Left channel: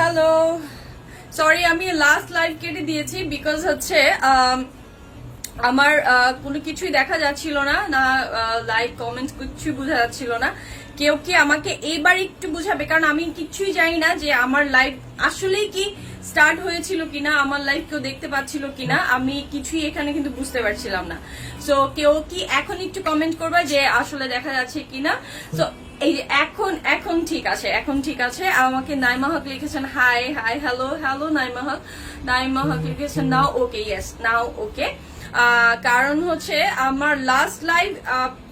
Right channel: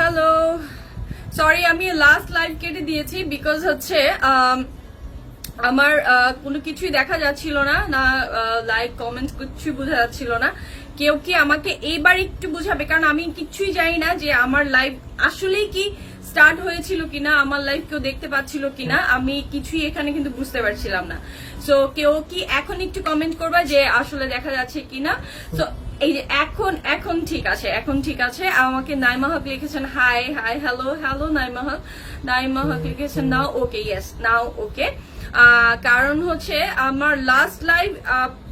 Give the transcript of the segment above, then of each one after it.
Hello, sorry আমি last live কেটে দিয়েছি বিকজ হচ্ছে আমার কোনো কিছুই দেখা যাচ্ছিল না, না লাইক কমেন্টস কিছু বোঝা যাচ্ছিল না। কেউ কি আমাকে এইবার একটু বুঝাবে, কারণ আমি কিছুই জানি না যে আমার লাইভ আসলেই কি স্টার্ট হয়েছিল কিনা, আমার লাইভ কেউ দেখতে পাচ্ছিল কিনা, আমি কিছুই এখানে কিন্তু বুঝতে পারছিলাম না। সো কেউ কি এখন একটু কমেন্ট করবা যে আসলে দেখা যাচ্ছে কিনা। সো এই যে এখন এখন ঠিক আছে, এখন ঠিক আছে। আমাকে নাইমা হক লিখেছেন hi hi hello hello Naima Haque. Naima Haque লিখেছেন নাও ওকে, ইয়েস নাও ওকে। কারণ হচ্ছে আমার লাস্ট লাইভ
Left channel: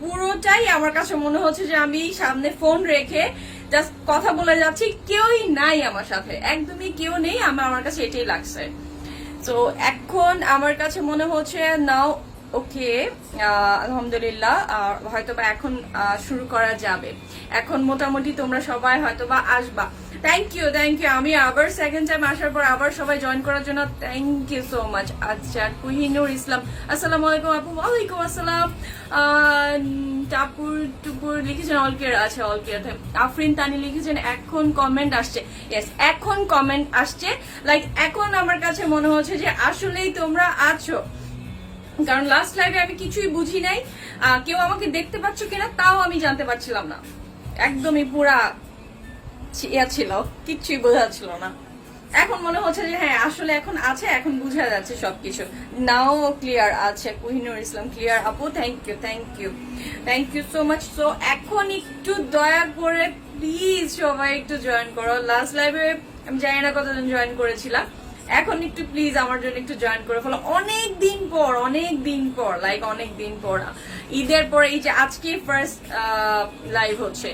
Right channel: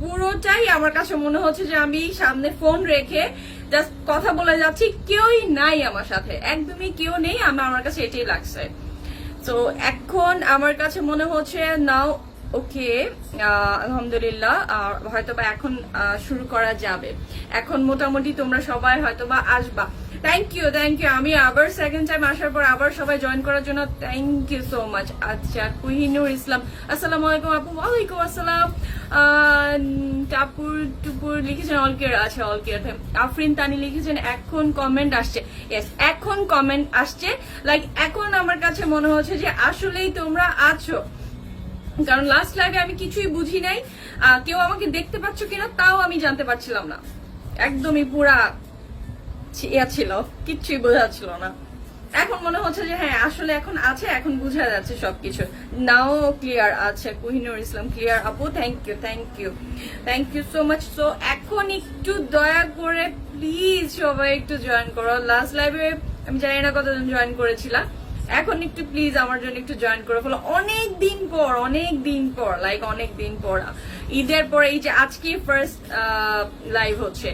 পুরোটাই আমার কাছে মনে হচ্ছে যে আমি সামনে ফোন রেখে জাস্ট কথা বলে যাচ্ছি, কেউই নাই আমার সাথে, একদমই কেউ নেই। আমার কাছে এটাই লাগছে। তো এখন আমার কাছে মনে হচ্ছে নাও ওকে, আলহামদুলিল্লাহ। হয়তোবা এখন শুরু করা যাবে। এখন মোটামুটি তোমরা সবাই হয়তোবা আসবা। Thank you thank you. আমি আবার সেকেন্ড টাইম আসার পর আবার সবাই জয়েন করার জন্য থ্যাংক ইউ সো মাচ। আচ্ছা, কুহিনুর ইসলাম আসসালামু আলাইকুম আপু। ওয়ালাইকুম আসসালাম। টাপুর টুপুর লিখেছেন অল কেয়ার আছে, অল কেয়ার। আফরিন তানি লিখেছেন এখন কমেন্ট আসছে। ইয়েস, এখন কমেন্ট আসছে। লাইক এখন আমার কাছে মনে হচ্ছে যে আসলেই তোমরা আছো, কারণ লাস্ট লাইভে আমি কিছুই বুঝি নাই। কেউ আমাকে দেখতে পাচ্ছ কিনা তাও আমি জানতে পারছিলাম না, একদমই পুরা ইয়া ছিল, কিচ্ছুই বোঝা ছিল না। এখন মনে হচ্ছে যে হ্যাঁ আসলে এখন আছে, এখন বুঝা যাচ্ছে সবকিছু। নাও ক্লিয়ার আছে, কুহিনুর ইসলাম ক্লিয়ার আপু। Thank you thank you thank you so much. So এখন একটু দয়া করে প্লিজ সবাই একটু জয়েন করো। লাস্ট লাইভে আমি জানি না কতজন জয়েন করেছিলাম, এখন একটু প্লিজ আমার জন্য একটু জয়েন করে ফেলো। অনেক দিন পর লাইক অনেক দিন পর, ঈদের পরে এই যে আজকে ফার্স্ট লাইভ হচ্ছে।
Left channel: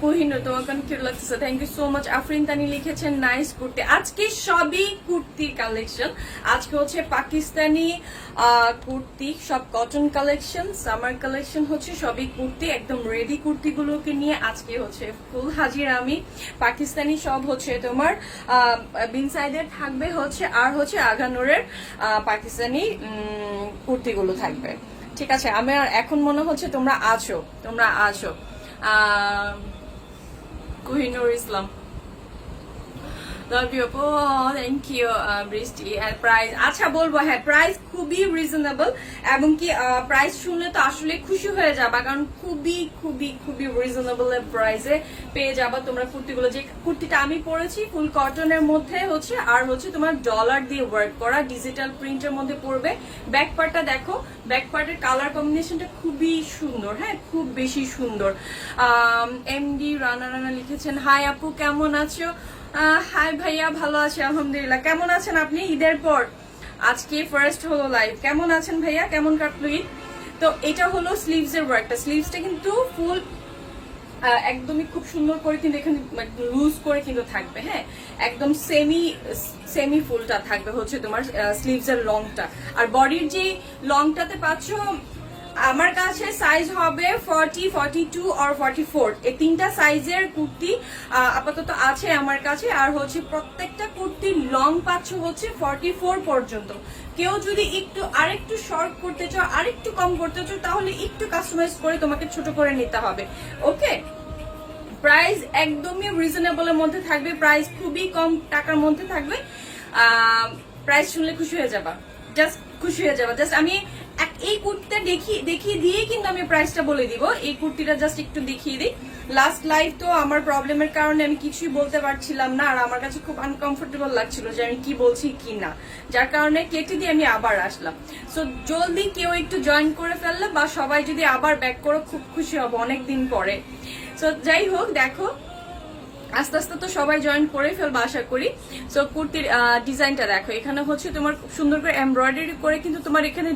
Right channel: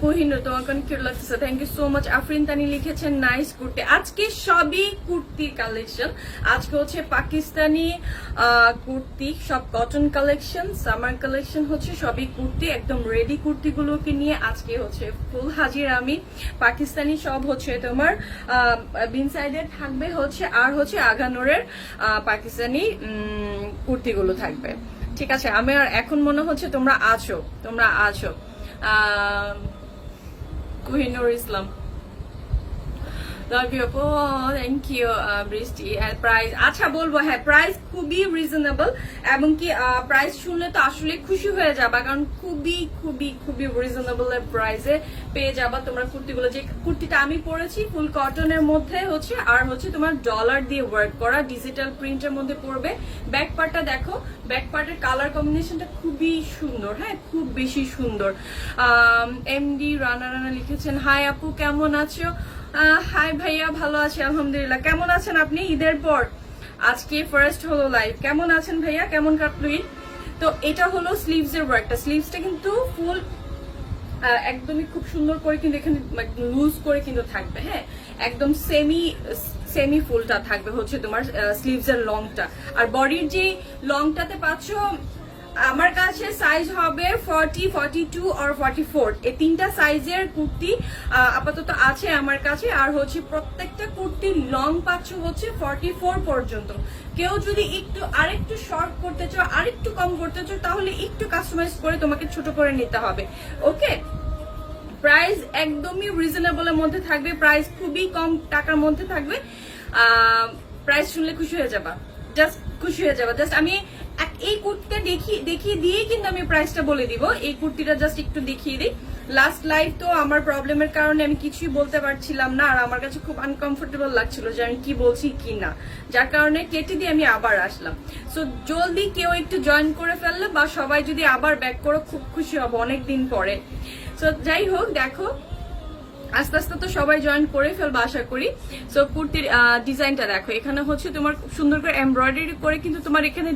কুহিনুর তোমাকে কিউট লাগতেছে, thank you so much. Afrin Tani লিখেছেন নাইস কুর্তি। আজকে সবই কুর্তির কালেকশন। আজকে হচ্ছে পাকিস্তানি কুর্তি, সব কটন কালেকশন, সামার কালেকশন হচ্ছে সবই কুর্তি, একদম রেডি কুর্তিগুলোকে নিয়ে আজকে হচ্ছে ফুল হাজির আমি। পাকিস্তানি সব হচ্ছে তোমার বিন সাইডের থাকবে হচ্ছে, আর হচ্ছে আগানোরের পাকিস্তানি কুর্তিগুলো থাকবে। ঠিক আছে, আমার এখন মনে হচ্ছে তোমরা আছো। কুহিনুর ইসলাম থ্যাংক ইউ বৃষ্টি। প্রাইস আচ্ছা বলবো, হ্যাঁ প্রাইস খুবই রিজনেবল, এবং কি প্রাইস শুনলে তো আসলে খুশি হয়ে যাবা, কারণ খুবই খুবই খুবই রিজনেবল প্রাইসে পেয়ে যাবা তোমরা কুর্তিগুলো। যে কুর্তিটা আমি পরেছি ফুল কটনের মধ্যে হচ্ছে, আর হচ্ছে তোমার ডলার দিয়ে ওয়ার্ক করা ডিজিটাল প্রিন্টের মধ্যে পড়বে। ব্যাক পার্টটা দেখো, ব্যাক পার্টের কালার কম্বিনেশনটা খুবই সুন্দর, হ্যাঁ খুব বেশি সুন্দর। এমডি রানা রানা লিখেছেন হাই আপু কেমন আছো। হাই ভাইয়া, ভালো আছি আলহামদুলিল্লাহ। কেমন আছেন আপনি ঈদের পর? আজকে ফার্স্ট হলো লাইভ। কেমন আছেন ভাইয়া, কেমন কাটলো ঈদ? তো এটা হলো স্লিভস এর ওয়ার্কটা। স্লিভসটা কিন্তু ফুল একদমই খুব সুন্দর করে কিন্তু এখানে লুজ করে কিন্তু থাকবে, হ্যাঁ একদম সেমি ফুলটা থাকবে হচ্ছে তোমার স্লিভস এর লংটা। আর বডির যে লংটাতে পাচ্ছ আমার কাছে সাইজ হবে 40, 42 আর 44, এই তিনটা সাইজের কুর্তি আপাতত আছে আমার কাছে। আর হচ্ছে প্রত্যেকটা কুর্তির লং পাচ্ছ হচ্ছে 44 পর্যন্ত। কেউ যদি একটু আরেকটু শর্ট করতে চাও, আরেকটু কম করতে চাও, তাহলে একটু কাস্টমাইজ করে তোমাকে ছোট করে নিতে হবে। ওকে, প্রাইস একদমই রিজনেবলের মধ্যে থাকবে, প্রাইস খুবই কম টাকার মধ্যে থাকবে। প্রাইস শুনলে খুশি হয়ে যাবা, জাস্ট খুশি হয়ে যাবা। জাস্ট আমি এই কুর্তিটা দেখিয়ে দিয়ে কিন্তু আমি প্রাইসটা বলে দিব। এই কুর্তিটা জাস্ট একটু দেখিয়ে দিই। লাস্ট লাইভ তো আমার প্রবলেমের কারণে আমি কিছুই বলতে পারছিলাম না, আর আমার কাছে খুব আনকমফোর্টেবল লাগছিল যে আমি কি বলছি কি না, যার কারণে কেটে দিয়ে আমি আবার আসলাম। সো জলদি কেউ একটু জয়েন করে ফেললে বা সবাই যদি আবার ব্যাক করে খুব খুশি হব অনেকদিন পরে। সো যাই হোক, দেখো আস্তে আস্তে তো সবাই জয়েন করে ফেলবো আশা করি। সো কুর্তির ডিজাইনটা দেখো, এখানে হচ্ছে তোমার খুব সুন্দর করে এমব্রয়ডারি করে কিন্তু তোমার এখানে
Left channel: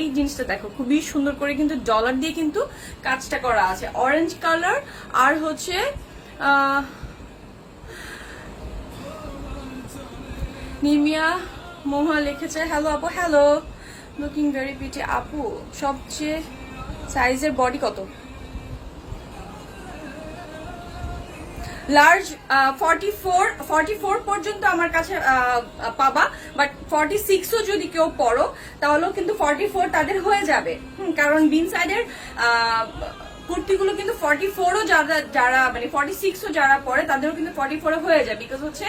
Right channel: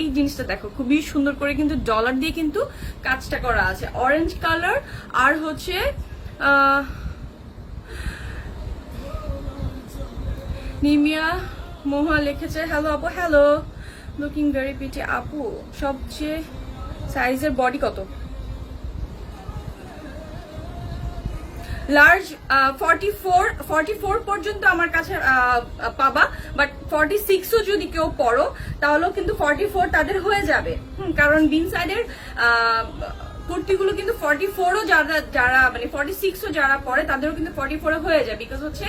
এই জিনিসটা দেখো খুবই সুন্দর করে কিন্তু ডলার দিয়ে কিন্তু কাজটা করা আছে, অরেঞ্জ কালার। আর হচ্ছে নিমিয়া মোহা লিখেছে হ্যালো আপু, হ্যালো লুকিং ভেরি প্রিটি আপু। সবচেয়ে সাইজের বডি কত? লার্জ 44 পর্যন্ত আমার কাছে পাবা, বাট 46ও যদি কেউ পড়ো তাহলেও কিন্তু 44 তাদের হয়ে যাবে। কারণ বিন সাইডের কুর্তিগুলো কিন্তু 44ও যারা মানে 46ও যারা পরে তাদেরও কিন্তু 44 হয়ে যায়, বিকজ হচ্ছে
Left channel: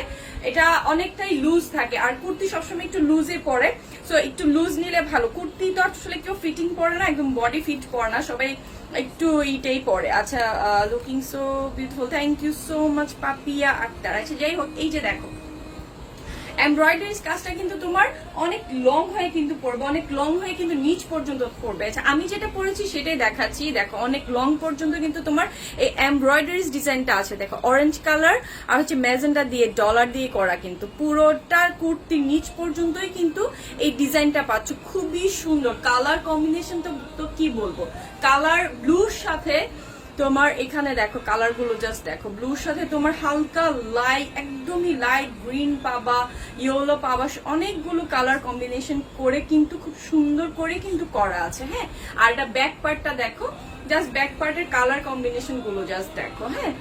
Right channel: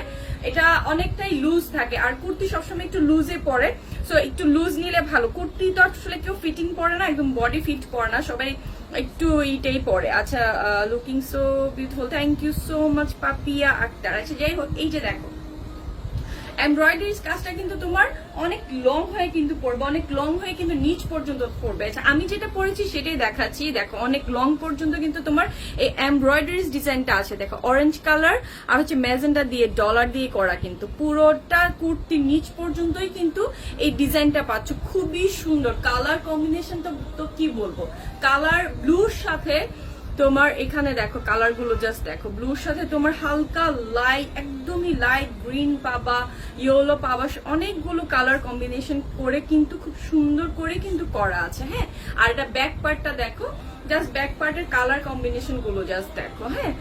এটা অনেকটাই লুজ থাকে, আর কুর্তি সবসময় একটু লুজে পরে, সো একটু লুজ নিলে ভালো। কুর্তি তো আসলে কেউ ফিটিং পরে না, একদম বডি ফিট পরে না, সবাই একটু এইটাই পরে। আচ্ছা, looking so beautiful, thank you so much Papiya Akter. আচ্ছা যাই হোক, এই যে দেখো এমব্রয়ডারি কাজটা কিন্তু তোমার অনেক লং হয়ে কিন্তু পড়বে, অনেক লং হয়ে কিন্তু নিচ পর্যন্ত পড়বে। আচ্ছা আমি যেটা পরেছি সেটাই দেখাচ্ছি, দেখো অনেক লং পর্যন্ত কিন্তু তোমার এই এমব্রয়ডারি ডিজাইনটা আছে। দেখো অরেঞ্জ কালার আর হচ্ছে ম্যাজেন্টা দিয়ে ডলার দিয়ে করা, কিন্তু পুরোটার কুর্তি নিচ পর্যন্তই কিন্তু এই ডিজাইনটা পাচ্ছ। খুবই সুন্দর কালার কম্বিনেশনটা, তো কি বলবো, কালার ব্লুর সাথে তোমার এখানে দেখো কালার গুলো জাস্ট দেখো, ব্লুর সাথে তোমার হালকা লাইট, একদমই লাইট গ্রিন পাবা, ইয়েলো পাবা, অনেকগুলো কালার কম্বিনেশন করে কিন্তু খুব সুন্দর করে কিন্তু করা আছে। হ্যাঁ, আর এটা ব্যাক পার্টটা দেখো, জাস্ট ব্যাক পার্টের কালার কম্বিনেশন গুলো জাস্ট দেখো। হ্যাঁ,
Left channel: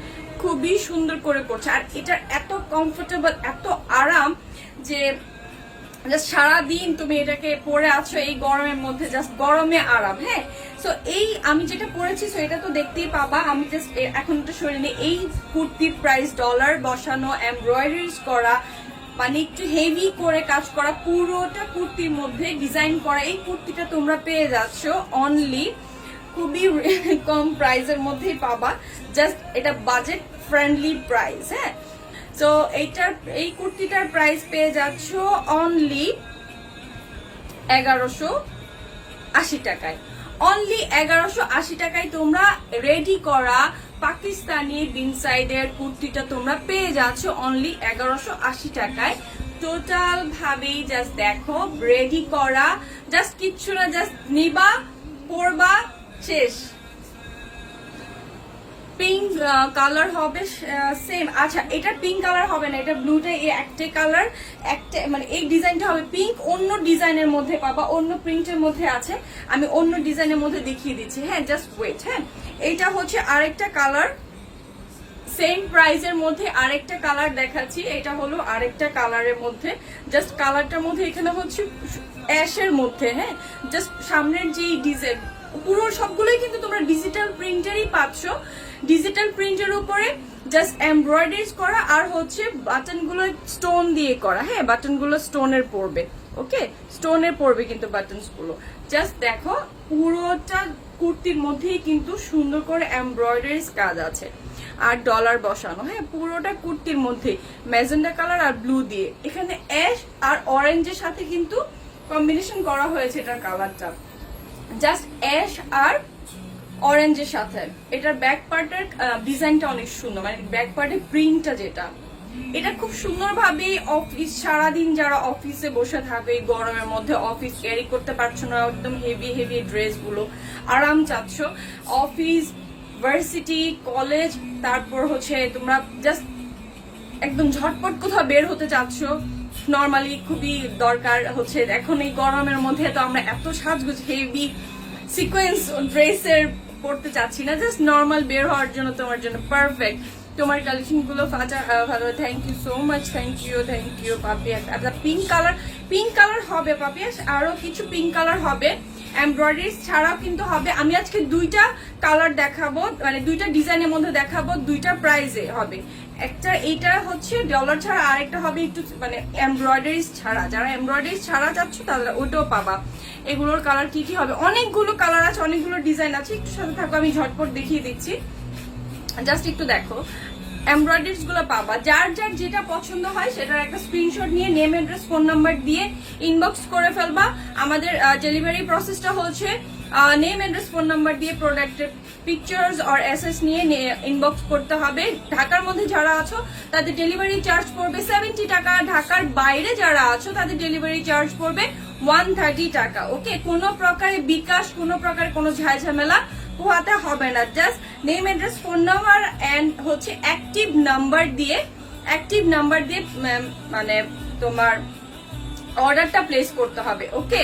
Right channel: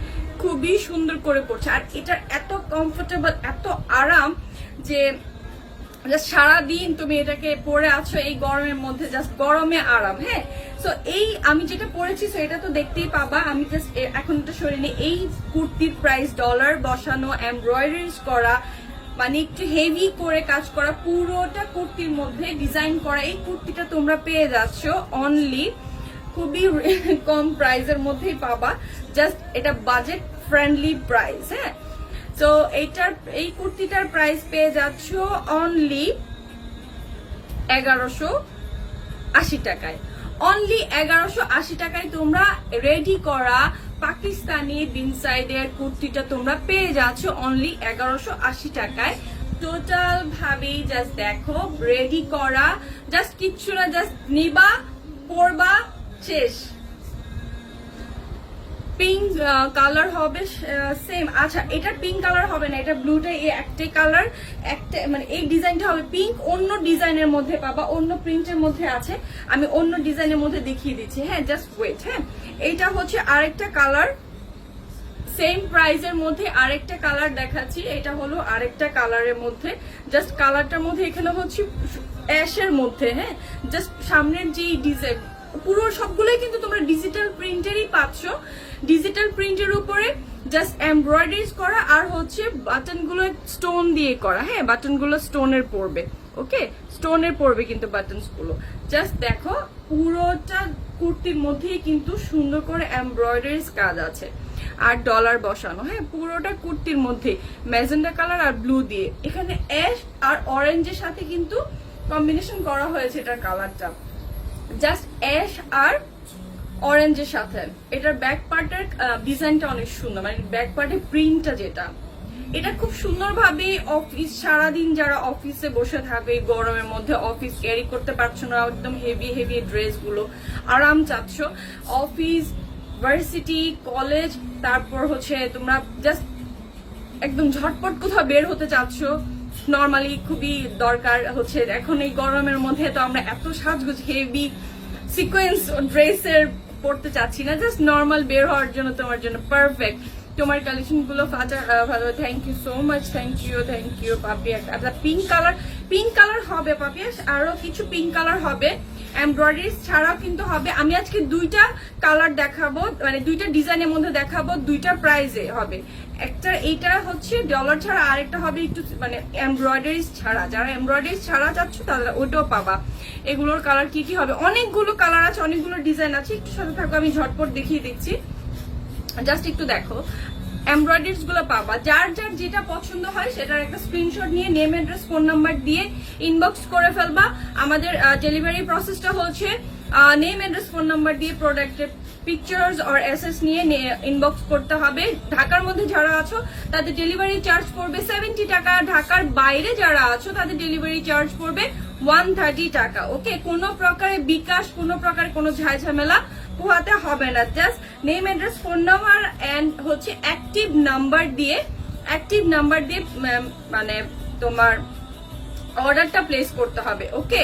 খুবই সুন্দর করে পড়ছে, আর এটা এত কমফোর্টেবল, এত আরাম যে জাস্ট সারাদিন তুমি এটাকে পরে আছো এই গরমের মধ্যে, জাস্ট গরমে আরাম। হ্যাঁ, সো এই আমি যেটা পরেছি সেটা তো দেখতেই পাবা, আমি জাস্ট এখন একটু সরিয়ে নিই। এই কুর্তির প্রাইস ডলার বসানো, এমব্রয়ডারিজ করা, মানে একটু হেভি করে কাজ করা, পুরোটা কুর্তির মধ্যে ডিজাইন করা এই কুর্তিটা তোমরা পেয়ে যাচ্ছ অনলি খুবই কম প্রাইসের মধ্যেই পাবা। জাস্ট এটা বাজেট ফ্রেন্ডলি প্রাইস। হ্যাঁ, তো এই কুর্তিটার প্রাইস পেয়ে যাচ্ছ অনলি 1180 টাকায়। অনলি 1180 টাকায় তোমরা রেডি করা পাকিস্তানি বিন সাইডের কুর্তিটা তোমরা পেয়ে যাচ্ছ অনলি 1180 টাকায়। টোটাল ভাবেই জাস্ট দেখো, রেডি করা, জাস্ট কিচ্ছু না, জাস্ট নিবা, পরবা, শেষ। পিঙ্ক কালার হবে সেম। আচ্ছা, এটা পিঙ্ক কালার হবে না, এটা ব্লুটা এই একটাই কালার, একটা মানে এই ডিজাইনটা হবে পিঙ্ক, অন্য ডিজাইনের মধ্যে পাবা, অন্য প্রিন্টের মধ্যে আছে, আমি অন্য ডিজাইনের মধ্যে দেখিয়ে দিচ্ছি। হ্যাঁ, জাস্ট ওয়েট। হ্যাঁ, এইটা হচ্ছে আরেকটা কালার, সেম প্রাইসের মধ্যে আরেকটা কালার দেখাচ্ছি। এটা হলো আরেকটা কালারের মধ্যে, জাস্ট কালারটার মধ্যে এখানে হচ্ছে অ্যাশের মধ্যে। হ্যাঁ, জাস্ট সামনের যে ডিজাইন পুরো সবগুলোই কিন্তু তোমরা ডিজিটাল প্রিন্টেরই পাচ্ছ, ডিজিটাল প্রিন্টের উপরে জাস্ট এমব্রয়ডারিজ করা, আর হচ্ছে বাটন গুলো স্টোন দিয়ে করা। হ্যাঁ, বাটন গুলো স্টোনের পড়বে, ওকে, স্টোনের পড়বে কিন্তু বাটনস গুলো। জাস্ট দেখো পুরোটা কুর্তির মধ্যেই কিন্তু সুন্দর করে এমব্রয়ডারিজ কাজ আছে আর ডলার বসানো। হ্যাঁ, পুরোটা কুর্তির মধ্যে ম্যাজেন্ডা কালার আর ব্লু দিয়ে, এখানে অ্যাশ আর অরেঞ্জের সাথে কিন্তু কম্বিনেশন করা হয়েছে এটার কালারটা, জাস্ট অ্যাশ আর অরেঞ্জের সাথে। এটার ব্যাক পার্টের ডিজাইনটা অনেক সুন্দর, মানে ব্যাক পার্টের প্রিন্টটা যেটা, এটা খুব সুন্দরভাবে অফিস, সারাদিন যারা অফিসে বসে থাকবে গরমের মধ্যে, অফিস ক্যারি করতে পারছো না, একদম হেভি হেভি ড্রেস গুলো আরাম চাচ্ছ, অফিস, ভার্সিটি, কলেজ, তারপর হচ্ছে তোমরা জাস্ট একদম ঝটপট কোথাও বের হতে চাচ্ছ, নর্মালি খুবই দরকার হচ্ছে এখন এই গরমের মধ্যে। তো আমরা এত সাজগোজ হেভি সিকোয়েন্স ড্রেসের পড়তে চাচ্ছি না, জাস্ট নর্মাল বের হওয়ার জন্য তোমার জন্য পারফেক্ট। তোমার কালেকশন গুলো ভালো, thank you so much, thank you Papiya. আচ্ছা, পিঙ্ক কালার হবে পাপিয়া, আরো কিছু পিঙ্ক কালার হবে, এমব্রয়ডারি ছাড়াও কিন্তু হবে। আমি আজকে দুইটা কালার দেখাবো, মানে দুইটা ডিজাইনের মধ্যে দেখাবো, দুইটা প্রাইসে হবে। একটা এইটা হচ্ছে ডলার ছাড়া, আরেকটা হবে একটু মানে এমব্রয়ডারি ছাড়া। যারা এমব্রয়ডারি ছাড়া চাচ্ছ তাহলে ওটাও পাবা। এগুলোর কালার কি কি হবে, অনেকগুলো কালার আছে, অনেকগুলো ডিজাইন আছে, একটু সাথে থাকো, আমি ঝটপট দেখিয়ে দিচ্ছি। জাস্ট একটু দেখো, এমব্রয়ডারিজ গুলো পাবা, যার যার যেটা পছন্দ হয় সেটার একটা স্ক্রিনশট নিয়ে নেম, অ্যাড্রেস, ফোন নাম্বার দিয়ে ইনবক্স করে ফেলবা। আমাদের ডেলিভারি প্রসেসটা হচ্ছে নেম, অ্যাড্রেস, ফোন নাম্বার দিয়ে প্রোডাক্টের পিকচার্স আর এসএস নিয়ে ইনবক্স করতে হবে। ঢাকার মধ্যে যারা আছো তাদের ডেলিভারি চার্জ পড়বে 70 টাকা, ঢাকার বাইরে যারা আছো তাদের ডেলিভারি চার্জ পড়বে 130 টাকা। ওকে, কোনো প্রকারে বিকাশ, কোনো প্রকারে কোনো ঝামেলা পোহাতে হবে না, just name, address, phone number and হচ্ছে অ্যাক্টিভ নাম্বার দিয়ে মানে তোমার অর্ডারটা প্লেস করতে হবে। ওকে,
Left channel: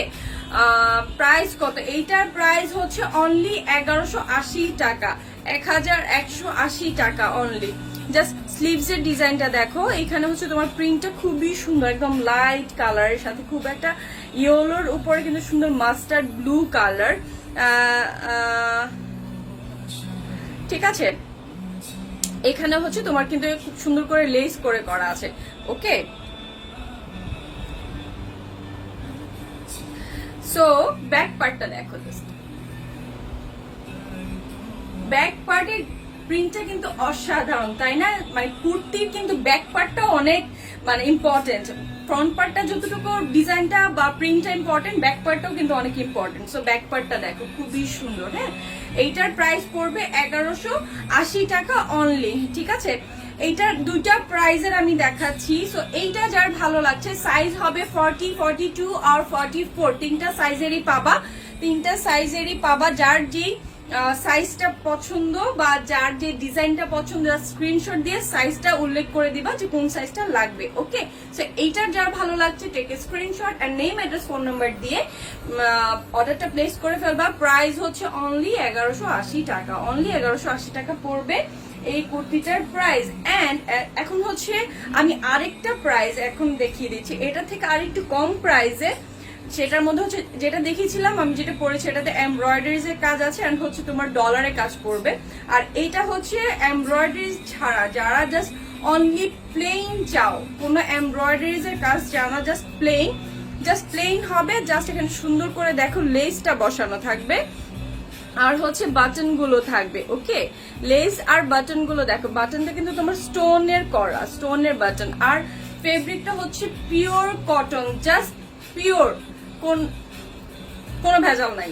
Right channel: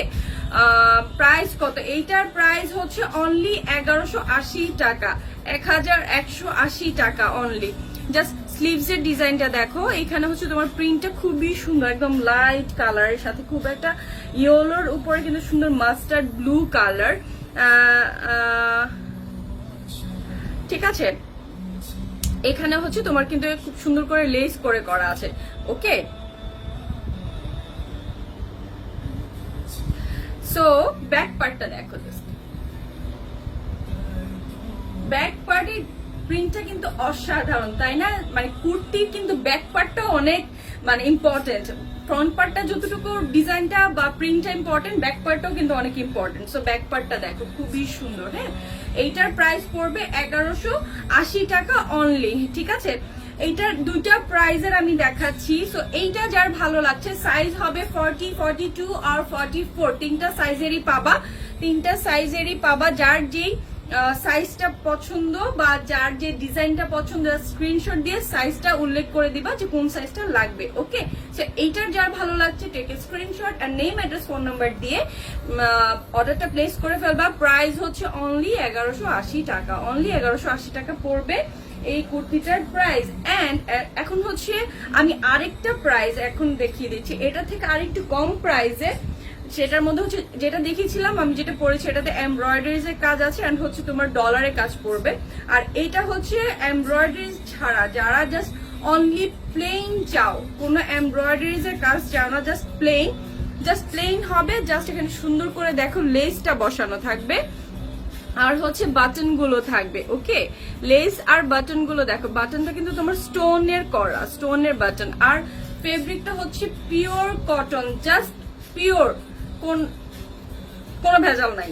প্রাইস কত, এইটার প্রাইস হচ্ছে অনলি 1180 টাকা, 1180 টাকা অনলি। জাস্ট স্লিভস এর ডিজাইনটা দেখো, এখানে হচ্ছে তোমার প্রিন্টটা খুবই সুন্দর, একদম লাইট কালারের সাথে খুব একটা ইয়েলোর উপরে কিন্তু সুন্দর মাস্টার্ড ব্লু কালার। ঠিক আছে। এখানে হচ্ছে তোমার কিন্তু খুব সুন্দর করে লেস করে করা আছে। ওকে, সো ব্যাক পার্টটা দেখো। ব্যাক পার্টের প্রিন্টটা কিন্তু অসাধারণ, তাই না? মানে কুর্তির কিন্তু ব্যাক পার্টটা অনেক মানে ইম্পর্টেন্ট। ফ্রন্ট পার্টটা যতটুকু ডিজাইনটা বা প্রিন্টটা ইম্পর্টেন্ট, ব্যাক পার্টটাও কিন্তু অনেক ইম্পর্টেন্ট। সো ব্যাক পার্টটা দেখো খুবই সুন্দর। হ্যাঁ, এইটার প্রাইস পড়বে 1180 টাকা অনলি। ঠিক আছে, এইটার দুইটা প্রাইজের আমি দেখাচ্ছি। সো এইটা যার ভালো লাগছে, সাইজ হবে 40, 42 আর 44, তিনটা সাইজেরই পাবা। তিনটা সাইজেরই পাবা। যার যেই সাইজটা পছন্দ বা যার যে ডিজাইনটা পছন্দ, স্ক্রিনশট দিয়ে সাইজটা উল্লেখ করে দিবা যে কোন সাইজটা লাগবে। ওকে, সো এইটার যার ভালো লাগছে টেক স্ক্রিনশট আর নেম, অ্যাড্রেস, ফোন নাম্বার দিয়ে অর্ডারটা প্লেস করে ফেলবা। প্রাইস হচ্ছে অনলি 1180 টাকা। অনলি 1180 টাকা পড়বে এই কুর্তিটার প্রাইস। এন্ড এখন হচ্ছে আমি আরেকটা প্রাইস এখন দেখিয়ে দিচ্ছি, এটা থেকে আরেকটু কম প্রাইসে। সেটার মধ্যে হচ্ছে যেটা দেখিয়েছিলাম আমি, যেটা পরেছি এটাতে এমব্রয়ডারিজ এর কাজ আছে এন্ড হচ্ছে তোমার ডলারের কাজ পড়বে। আর এইটা হচ্ছে এমব্রয়ডারি ছাড়া, যারা জাস্ট অনলি প্লেন চাও, কোনো এমব্রয়ডারিজ এর কাজ চাও না, জাস্ট প্লেন হবে। জাস্ট এখানে সুন্দর করে দেখো লেসটা বসানো থাকবে আর হচ্ছে বাটন গুলো থাকবে। ওকে, লেস আর বাটন গুলো দেখো, বাটনটা কিন্তু তোমার স্টোনের করা, স্টোনের বাটন। আর ফেব্রিকটা হচ্ছে পিওর কটন, জাস্ট পিওর, কোনো ভেজাল নাই,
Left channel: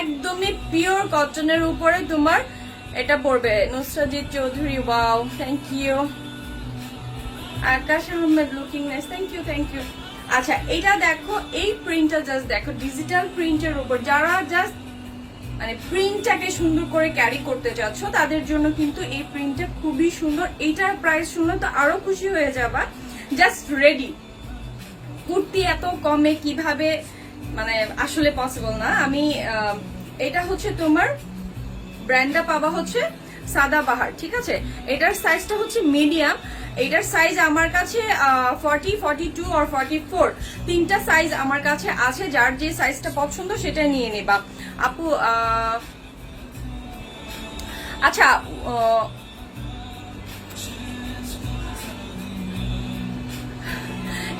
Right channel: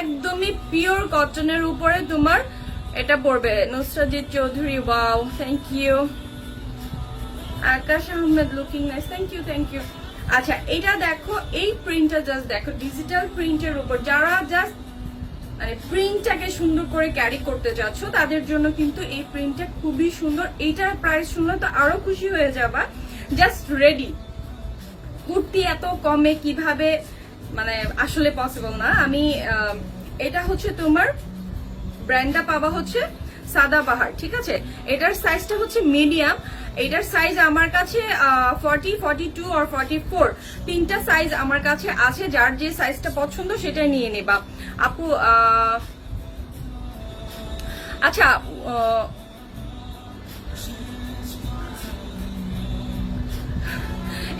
একদমই পিওর কটনের উপরে তোমার এটা পড়বে। Nusrat Chowdhury, wow, thank you. Akash Ahmed, looking nice, thank you. আচ্ছা, এটা দেখো, এই প্রিন্টটা জাস্ট দেখো, ডিজিটাল প্রিন্টের উপর যারা জাস্ট মানে প্রিন্টটাকে সুন্দর করে ক্যারি করতে চাচ্ছ তাদের জন্য কিন্তু এই প্রিন্টটা খুবই সুন্দর। এইটার প্রাইস শুনলে তো আরো খুশি হয়ে যাবা। জাস্ট রেডি কুর্তি এত কমে কিভাবে, মানে আসলে পসিবল না। আমি এটা হচ্ছে তোমার ব্র্যান্ডটা পাবা হচ্ছে সাদাবাহার। ঠিক আছে, এটার সাইজটা হচ্ছে মিডিয়াম। এটার সাইজ আমার কাছে 40, 42 আর 44, তিনটা সাইজ আমার কাছে আছে। যার যে সাইজটা পছন্দ সেটা নিয়ে নেবা আপু। আচ্ছা,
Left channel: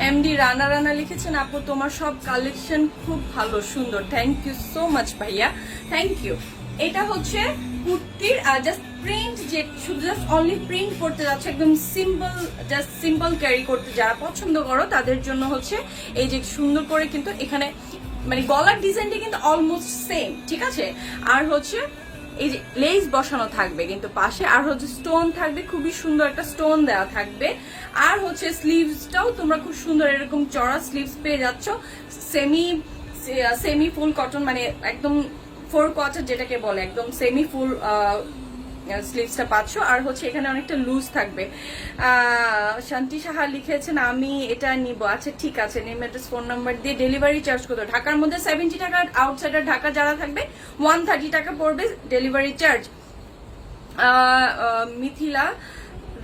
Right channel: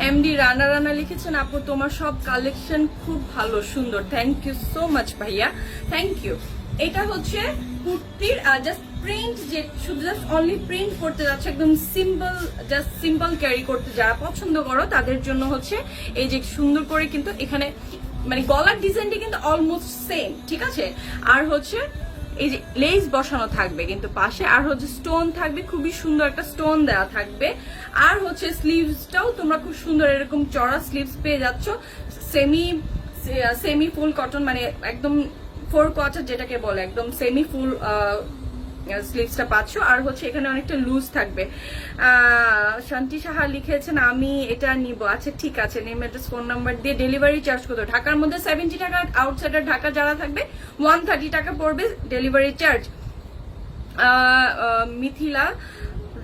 এমডি রানা লিখেছেন, আপু তোমার সব কালেকশন খুব ভালো, সুন্দর। থ্যাংক ইউ সো মাচ ভাইয়া, থ্যাংক ইউ। এটা হচ্ছে কুর্তির জাস্ট প্রিন্ট, যে শুধু জাস্ট অনলি প্রিন্ট করতে যাচ্ছে, একদম সিম্পল, জাস্ট সিম্পল ক্যারি করতে যারা পছন্দ করো তাদের জন্য হচ্ছে এই যে সুন্দর করে কিন্তু এখানে মানে গলার ডিজাইনটি কিন্তু অলমোস্ট সেম। ঠিক আছে, আর হচ্ছে এই যে লেস বসানো থাকবে কিন্তু পাশে, আর হচ্ছে স্টোন থাকবে, খুবই সুন্দর একটা স্টোন দেওয়া থাকবে। আর হচ্ছে স্লিভসটাও তোমরা খুব সুন্দর এরকম চড়া স্লিভস পেয়ে যাচ্ছ, সেমি ফুল কটন, মানে একদম 4 কোয়ার্টার যেটাকে বলে, একদম সেমি ফুল স্লিভসটা পাচ্ছ। আর হচ্ছে এখানে অনেকটা লুজ থাকবে। শান্তি সাহা লিখেছেন, আমি এটা নিব। আচ্ছা ঠিক আছে, নেম, অ্যাড্রেস, ফোন নাম্বার দিয়ে ডেলিভারি চার্জ কত? ঢাকার মধ্যে 70 টাকা, আউটসাইডার ঢাকা যারা থাকবে 130 টাকা পড়বে ডেলিভারি চার্জ। মিথিলা,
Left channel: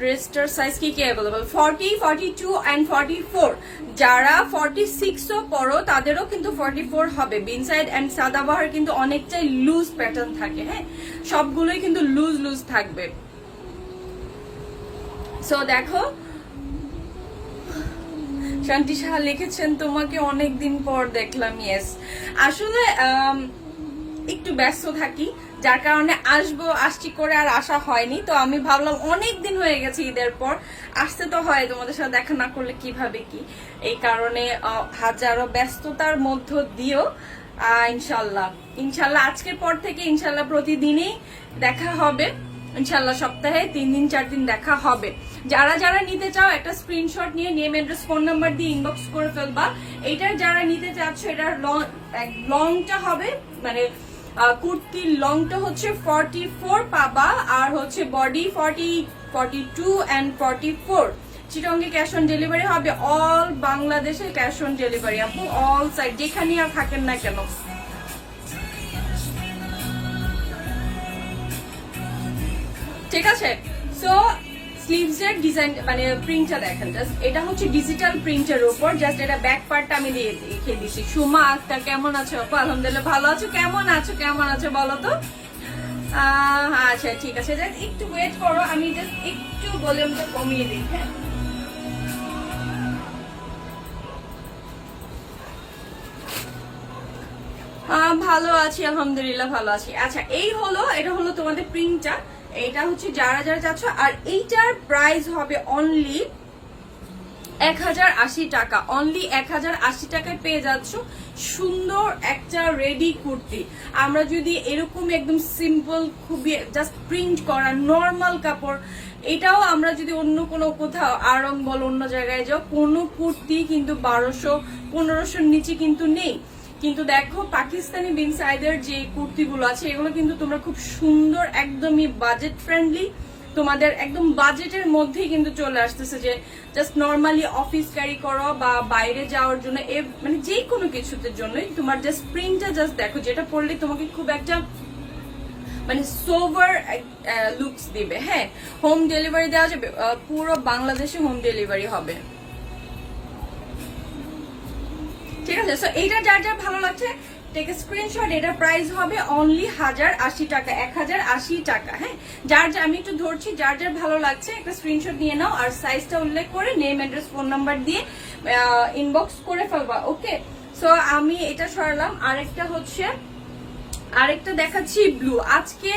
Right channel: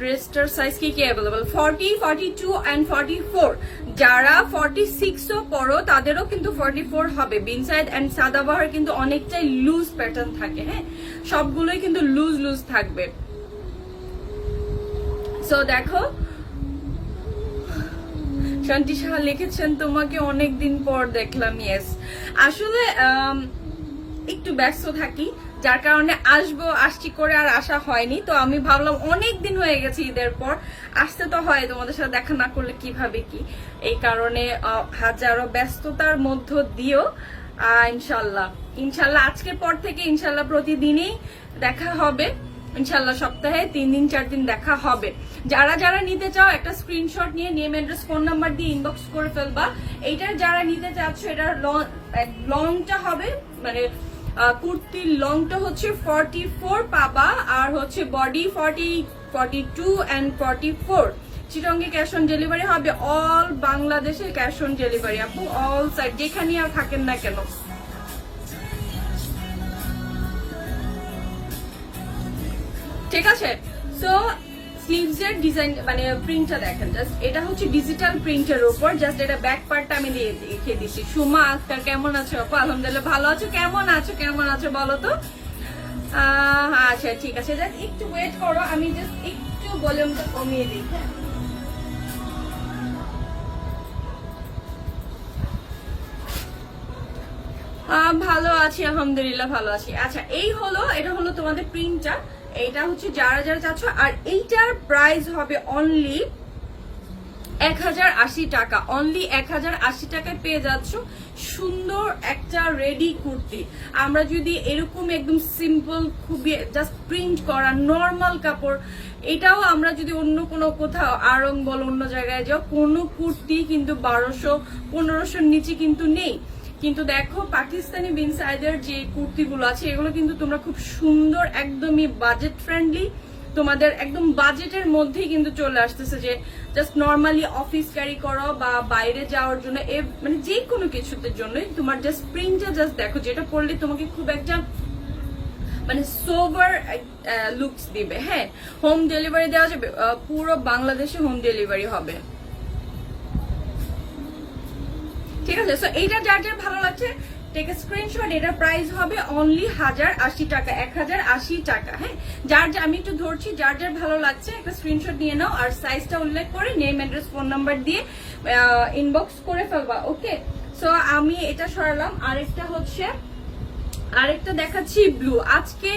ড্রেসটার সাইজ কি অ্যাভেলেবল? 40, 42 এন্ড 44। যারা 46ও পড়ো তাদেরও কিন্তু 44 হবে। বিনসাইড এন্ড সাদাবাহার কিন্তু অনেকটাই লুজ প্যাটার্ন থাকে। হ্যাঁ, সবগুলোই কিন্তু লুজ থাকবে। সো দেখো, শান্তি সাহা লিখেছেন, তোমাকে অনেকদিন পর দেখলাম। ইয়েস, আসলে একটু ব্যস্ত থাকি, যার কারণে আসছি করে আর আসা হয়নি। তো আমি ভাবলাম অনেক দিন হয়ে গেছে ঈদের পর, আসতে তো হয়, তোমাদের সাথে দেখা না করলে কিভাবে কি, এই কারণে হাজারো ব্যস্ততার মধ্য দিয়েও ইনশাল্লাহ আজকের পর থেকে ইনশাল্লাহ প্রতিদিনই দেখা হবে। ইনশাল্লাহ সপ্তাহে 3 দিন 4 দিন দেখা হবে। যারা নিতে চাও একটা স্ক্রিনশট নিয়ে নেম, অ্যাড্রেস, ফোন নাম্বার দিয়ে ইনবক্স করে ফেলবা। এইটার যারা নিতে চাচ্ছ, এটার লংটা হবে মানে কুর্তির লংটা হচ্ছে 44 পাবা, আর হচ্ছে বডি 40, 42 এন্ড 44। চিটঙ্গে ক্যাশ অন ডেলিভারি হবে, অল বাংলাদেশে ক্যাশ অন ডেলিভারি আপু, অল সাইড যেখানে আর থাকেন না কেন। ঠিক আছে, সো স্লিভস এর ডিজাইন মানে প্রিন্টটা দেখেন, জাস্ট এটা হচ্ছে ডিজিটাল প্রিন্টের উপর। জাস্ট এটা ব্যাক পার্টটা আমি লিখে দিচ্ছি। সুমা আক্তার, কেমন আছো আপু? আলহামদুলিল্লাহ ভালো আছো। কেমন আছো বলো তো? আচ্ছা ঠিক আছে, জাস্ট একটু ওয়েট করো, আমি জাস্ট একটু ভলিউমটা কমিয়ে দিই। হ্যাঁ, ভালো আছি আলহামদুলিল্লাহ, ভালো আছি। আচ্ছা এটা হলো তোমাদের প্রিন্টটা, এটা হচ্ছে যারা যারা চাচ্ছ। আর এইটার প্রাইস হবে অনলি 1080 টাকা, অনলি 1080 টাকায় পেয়ে যাচ্ছ সুন্দর একটা রেডি কুর্তি। আমরা যদি এরকম একদম সিম্পল, খুবই জাস্ট প্রিন্ট করা নর্মাল কাপড়, এটাও আমরা যদি অন্য কোনো কোথাও আরং বল অন্য জায়গায় যাও, কোনো কুর্তি কিন্তু 1200-1500 নিচে কিন্তু নেই। কিন্তু দেখো পাকিস্তানি বিন সাইদের যে কুর্তিগুলো আছে, এগুলো কিন্তু তোমরা খুব সুন্দর, একদমই বাজেট ফ্রেন্ডলি, তোমাদের একদম বাজেটের মধ্যেই কিন্তু চলে আসতেছে, যে জাস্ট নর্মালি অফিস ক্যারি করো বা বাইরে যাওয়ার জন্য, মানে যে কোনো কিছুর জন্যই তোমার জাস্ট প্রিন্টটা জাস্ট দেখো, যেটা পরলে তোমাকে খুব একটা মানে সোভার লুকস দিবে। হ্যাঁ, হোম ডেলিভারি দেওয়া যাবে, পুরো বাংলাদেশে হোম ডেলিভারি হবে। ঠিক আছে, সো এইটা যার যার ভালো লাগছে টেক এ স্ক্রিনশট। এটার প্রাইস হবে অনলি 1080 টাকা, 1080 টাকা। হ্যাঁ, যার যা আমি একটু ধরছি, যার যার ভালো লাগছে একটা স্ক্রিনশট নিয়ে নাও, আর সাইজটা উল্লেখ করে নেম, অ্যাড্রেস, ফোন নাম্বার দিয়ে ইনবক্স করে ফেলবা। ওকে, সো আমি এটা সরালাম। আরেকটা দেখাচ্ছি ব্লু। আজকে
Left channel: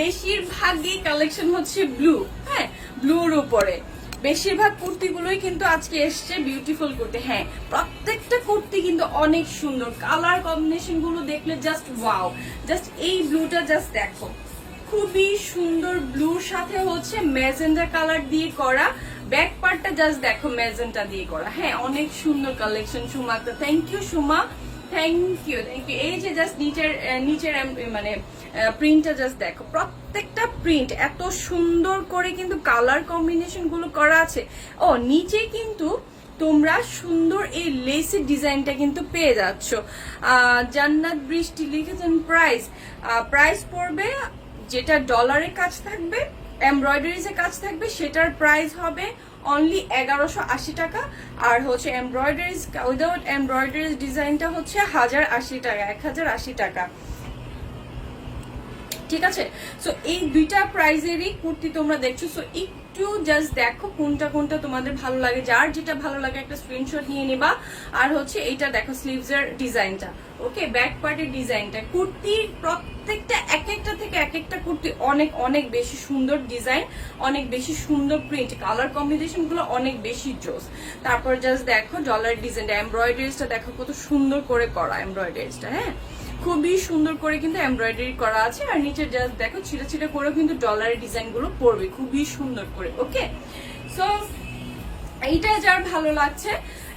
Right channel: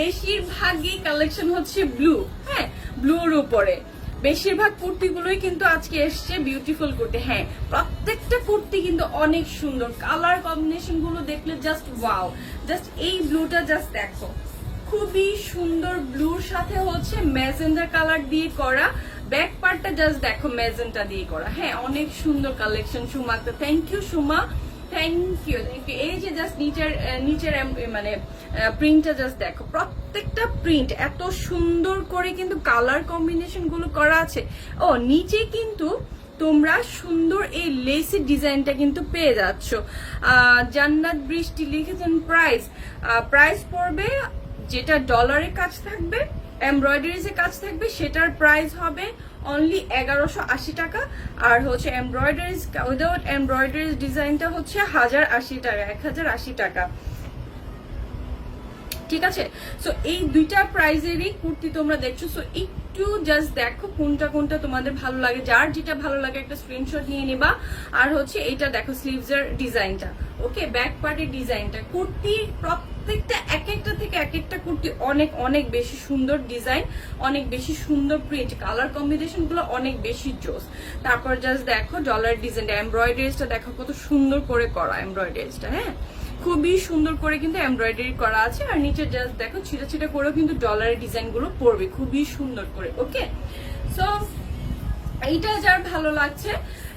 বেশিরভাগই কালেকশন হচ্ছে ব্লু। হ্যাঁ, ব্লুর উপরে বেশিরভাগ কুর্তিগুলোই কিন্তু আজকে এসছে বিউটিফুল কুর্তি। হ্যাঁ, প্রত্যেকটা কুর্তি কিন্তু অনেক সুন্দর, কালার কম্বিনেশন গুলো দেখলে জাস্ট ওয়াও। জাস্ট এই ব্লুটা জাস্ট দেখো, খুবই সুন্দর, ব্লুর সাথে হচ্ছে ম্যাজেন্ডা কালার দিয়ে করা, ব্যাক পার্টটা জাস্ট দেখো ম্যাজেন্টা দিয়ে করা। হ্যাঁ, অনেক সুন্দর কালেকশন সুমা, তো thank you Suma, thank you. এই যে জাস্ট নিচের মানে প্রিন্টটা জাস্ট দেখো, প্রত্যেকটা প্রিন্ট এত সুন্দর করে কিন্তু কালার কম্বিনেশন গুলো করা আছে। ও নিচে কিন্তু তোমরা সুন্দর এই লেসের ডিজাইনটা কিন্তু পেয়ে যাচ্ছ। জান্নাত বৃষ্টি লিখেছেন প্রাইস পড়বে, যেটা ডলারের কাজ থাকবে, এমব্রয়ডারিজ এর কাজ থাকবে, সেটার প্রাইস হবে অনলি 1180 টাকা। আর হচ্ছে এমব্রয়ডারিজ উইদাউট এমব্রয়ডারিজ ডিজাইনটা হচ্ছে 1080 টাকা, 1080 টাকা। ঠিক আছে, সো এই দুইটা প্রাইজেরই কুর্তি তোমরা দেখছো। সো একটু জাস্ট দেখো কোনটা কোনটা তোমাদের ভালো লাগে, যার যেটা ভালো লাগে একটা স্ক্রিনশট নিয়ে নিবা। আর হচ্ছে এইটা দেখো স্লিভস এর ডিজাইনটা, ওকে, ব্যাক পার্টের ডিজাইনটা, কুর্তির প্রত্যেকটা এক একটা থেকে এক একটা কুর্তি অনেক অনেক বেশি সুন্দর ডিজাইন, অনেক বেশি সুন্দর প্রিন্ট, কালার কম্বিনেশন গুলো অনেক বেশি জোস। তারপর জাস্ট দেখো ডলার ডিজাইনটা, এমব্রয়ডারিজটা দেখো কত সুন্দর করে করা এমব্রয়ডারিজটা। হ্যাঁ, খুবই সুন্দর করে কিন্তু এমব্রয়ডারি করা আছে। আর নিচে জাস্ট দেখো ছিটা ছিটা করেও কিন্তু ডলারের ডিজাইন গুলো পড়বে খুবই সুন্দর করে। ওকে, সো এইটা যার ভালো লাগছে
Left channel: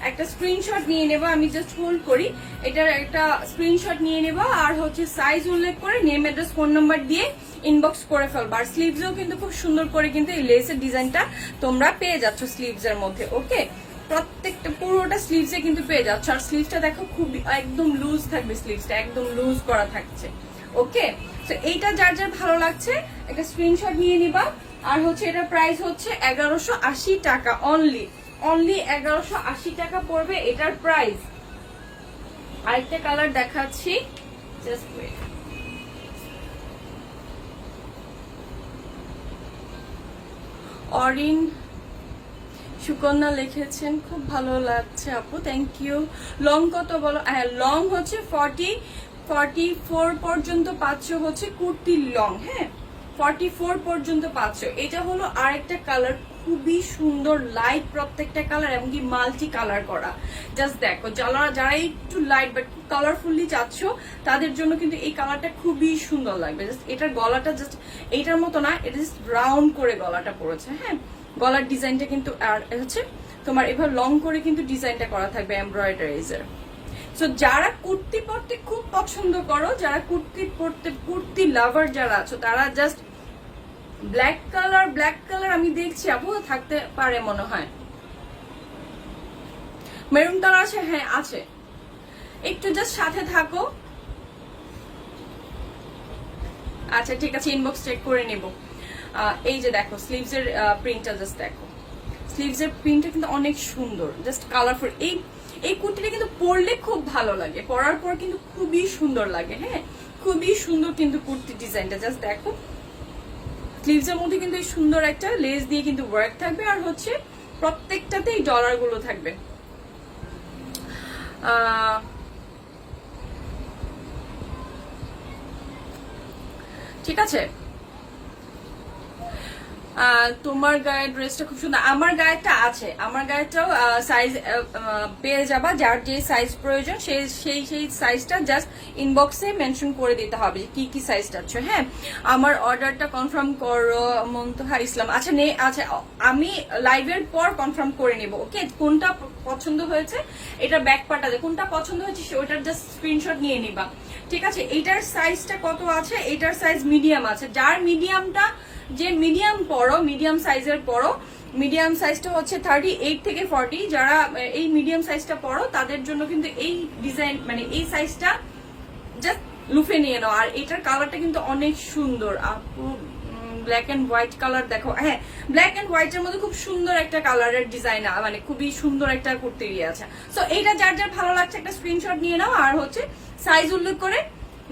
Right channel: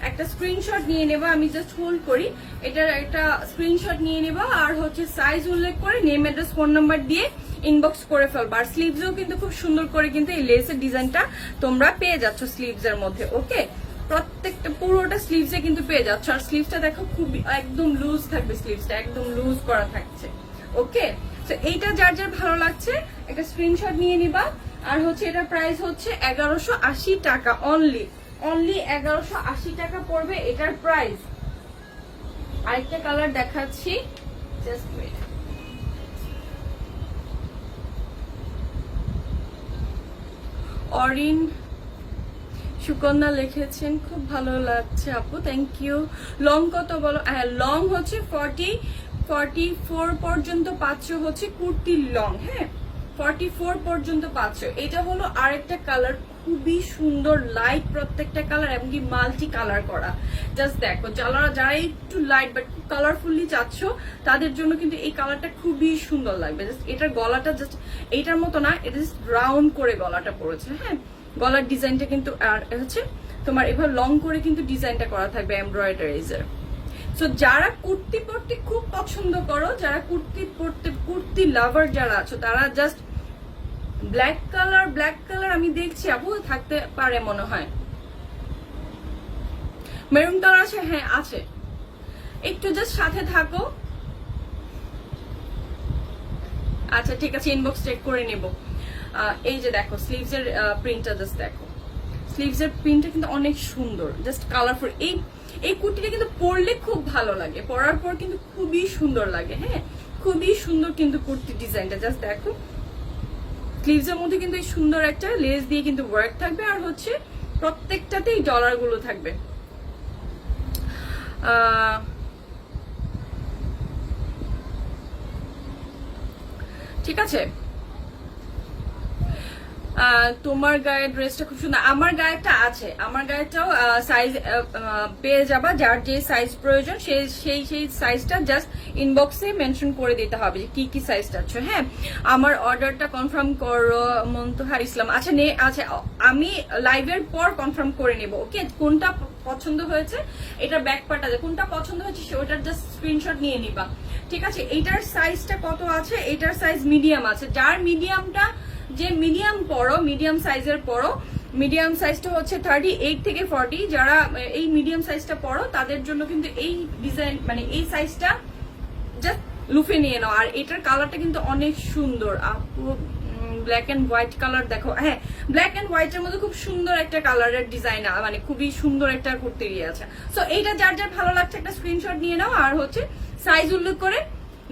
একটা স্ক্রিনশট নিয়ে নেবা, আমি জাস্ট হোল্ড করি, এটার একটা স্ক্রিনশট নিয়ে নেবা। আর হচ্ছে সাইজ উল্লেখ করে নেম, অ্যাড্রেস, ফোন নাম্বার দিয়ে ইনবক্স করে ফেলবা। আর স্লিভসেও কিন্তু খুব সুন্দর করে কিন্তু এই লেসের ডিজাইনটা তোমরা পেয়ে যাচ্ছ স্লিভস এর মধ্যে। ওকে, প্রত্যেকটা পুরোটা স্লিভসে কিন্তু পেয়ে যাচ্ছ। আর স্লিভসটা দেখো খুব একদম লুজ থাকবে, স্লিভসটা একদম লুজ করা থাকছে। ওকে, তো এইটা যার যার ভালো লাগছে একটা স্ক্রিনশট নিয়ে নিবা। আর হচ্ছে এটার প্রাইস হচ্ছে 1180 টাকা, অনলি 1180 টাকা পড়বে এটার প্রাইস। আরেকটা কালার দেখাচ্ছি, জাস্ট ওয়েট। অরিন সুকন্যা লিখেছেন খুব ভালো লাগছে আপু, থ্যাংক ইউ। লং কত বলো? হ্যাঁ, লং হচ্ছে 44 পর্যন্ত পাচ্ছ হচ্ছে কুর্তির লং। হ্যাঁ, 44 পর্যন্ত পাচ্ছ। এটা হলো আরেকটা কালার, খুবই সুন্দর লাইট প্রত্যেকটা কালার, এমনকি মাল্টি কালার করা। জাস্ট দেখো, যারা একটু লাইট বাট কালারফুলি চাচ্ছ তাদের জন্য কিন্তু এই কালারটা খুবই সুন্দর লাগবে। জাস্ট এটার গলাটা জাস্ট এইটার মতো না, এটা জাস্ট রাউন্ড করে গলাটা পড়েছে। হ্যাঁ, গলার ডিজাইনটা কিন্তু আর হচ্ছে তোমার এবার লং করে কিন্তু ডিজাইনটা করা থাকবে এমব্রয়ডারিজের। সো যারা কুর্তি পরতে খুব পছন্দ করো, যারা কুর্তি লাভার যারা আছো, তারা জাস্ট ব্ল্যাক কালার আমি দেখছি আপু থাকতে পারে মনে হয়। মেরুন কালার আছে? হ্যাঁ আছে, একটু জাস্ট সাথে থাকো। আচ্ছা ঠিক আছে, ইনবক্স চেক করে নেব। এই যে দেখো স্লিভস এর প্রিন্টটা, জাস্ট দেখো স্লিভস এর প্রিন্টটা কিন্তু অনেক সুন্দর, জাস্ট কালারফুল। এই কুর্তিটা কিন্তু পরলে খুব ভালো লাগে, পরার পর কিন্তু খুবই সুন্দর লাগে। হ্যাঁ, খুবই সুন্দর কিন্তু কুর্তি ডিজাইনটা, জাস্ট দেখো স্লিভসের মধ্যে কিন্তু এই সুন্দর একটা লেস দিয়ে কিন্তু ওয়ার্ক থাকবে, আর হচ্ছে প্রত্যেকটাতেই ডলার গুলো থাকবে। ঠিক আছে, তোমার গায়ের ড্রেসটা খুব সুন্দর। আমার গায়েরটা আছে, আমার গায়েরটাও সাইজ পেয়ে যাবা, যার যে সাইজ প্রয়োজন সেই সাইজটা জাস্ট ইনবক্সে মেনশন করে দিতে হবে যে কি কি সাইজ চাচ্ছ। হ্যাঁ, আমার অর্ডারটা কনফার্ম করো মুনতাহা ইসলাম। আচ্ছা আচ্ছা, আমি লাইভের পর কনফার্ম করে নেব। ওকে, কোনটা পছন্দ হয়েছে, এটা ব্যাক পার্ট আছে, কোনটা পছন্দ হয়েছে ওটার জাস্ট স্ক্রিনশট নিয়ে নিবা। ঠিক আছে, এইটার সাইজটা কত আছে? এইটার সাইজ মিডিয়াম আছে। যার মিডিয়ামটা, যে মিডিয়াম পড়ো, মিডিয়াম সাইজের পড়ো, মিডিয়াম সাইজটা হচ্ছে 38 থেকে 40, যারা এই মিডিয়াম সাইজটা পড়ো তাদের জন্য কিন্তু এই ডিজাইন মানে এই সাইজটা জাস্ট লুফে নিয়ে নাও। আর এটার কালারটা কিন্তু অনেক সুন্দর আপু, ব্ল্যাক এন্ড হোয়াইট কালার দেখো। হ্যাঁ, ব্ল্যাক এন্ড হোয়াইট এর মধ্যে খুব সুন্দর একটা কালারের ডিজাইন, মানে খুবই সুন্দর একটা কুর্তি আছে। সো এইটা যার যার ভালো লাগছে একটা স্ক্রিনশট নিয়ে নাও, আর হচ্ছে সাইজ উল্লেখ করে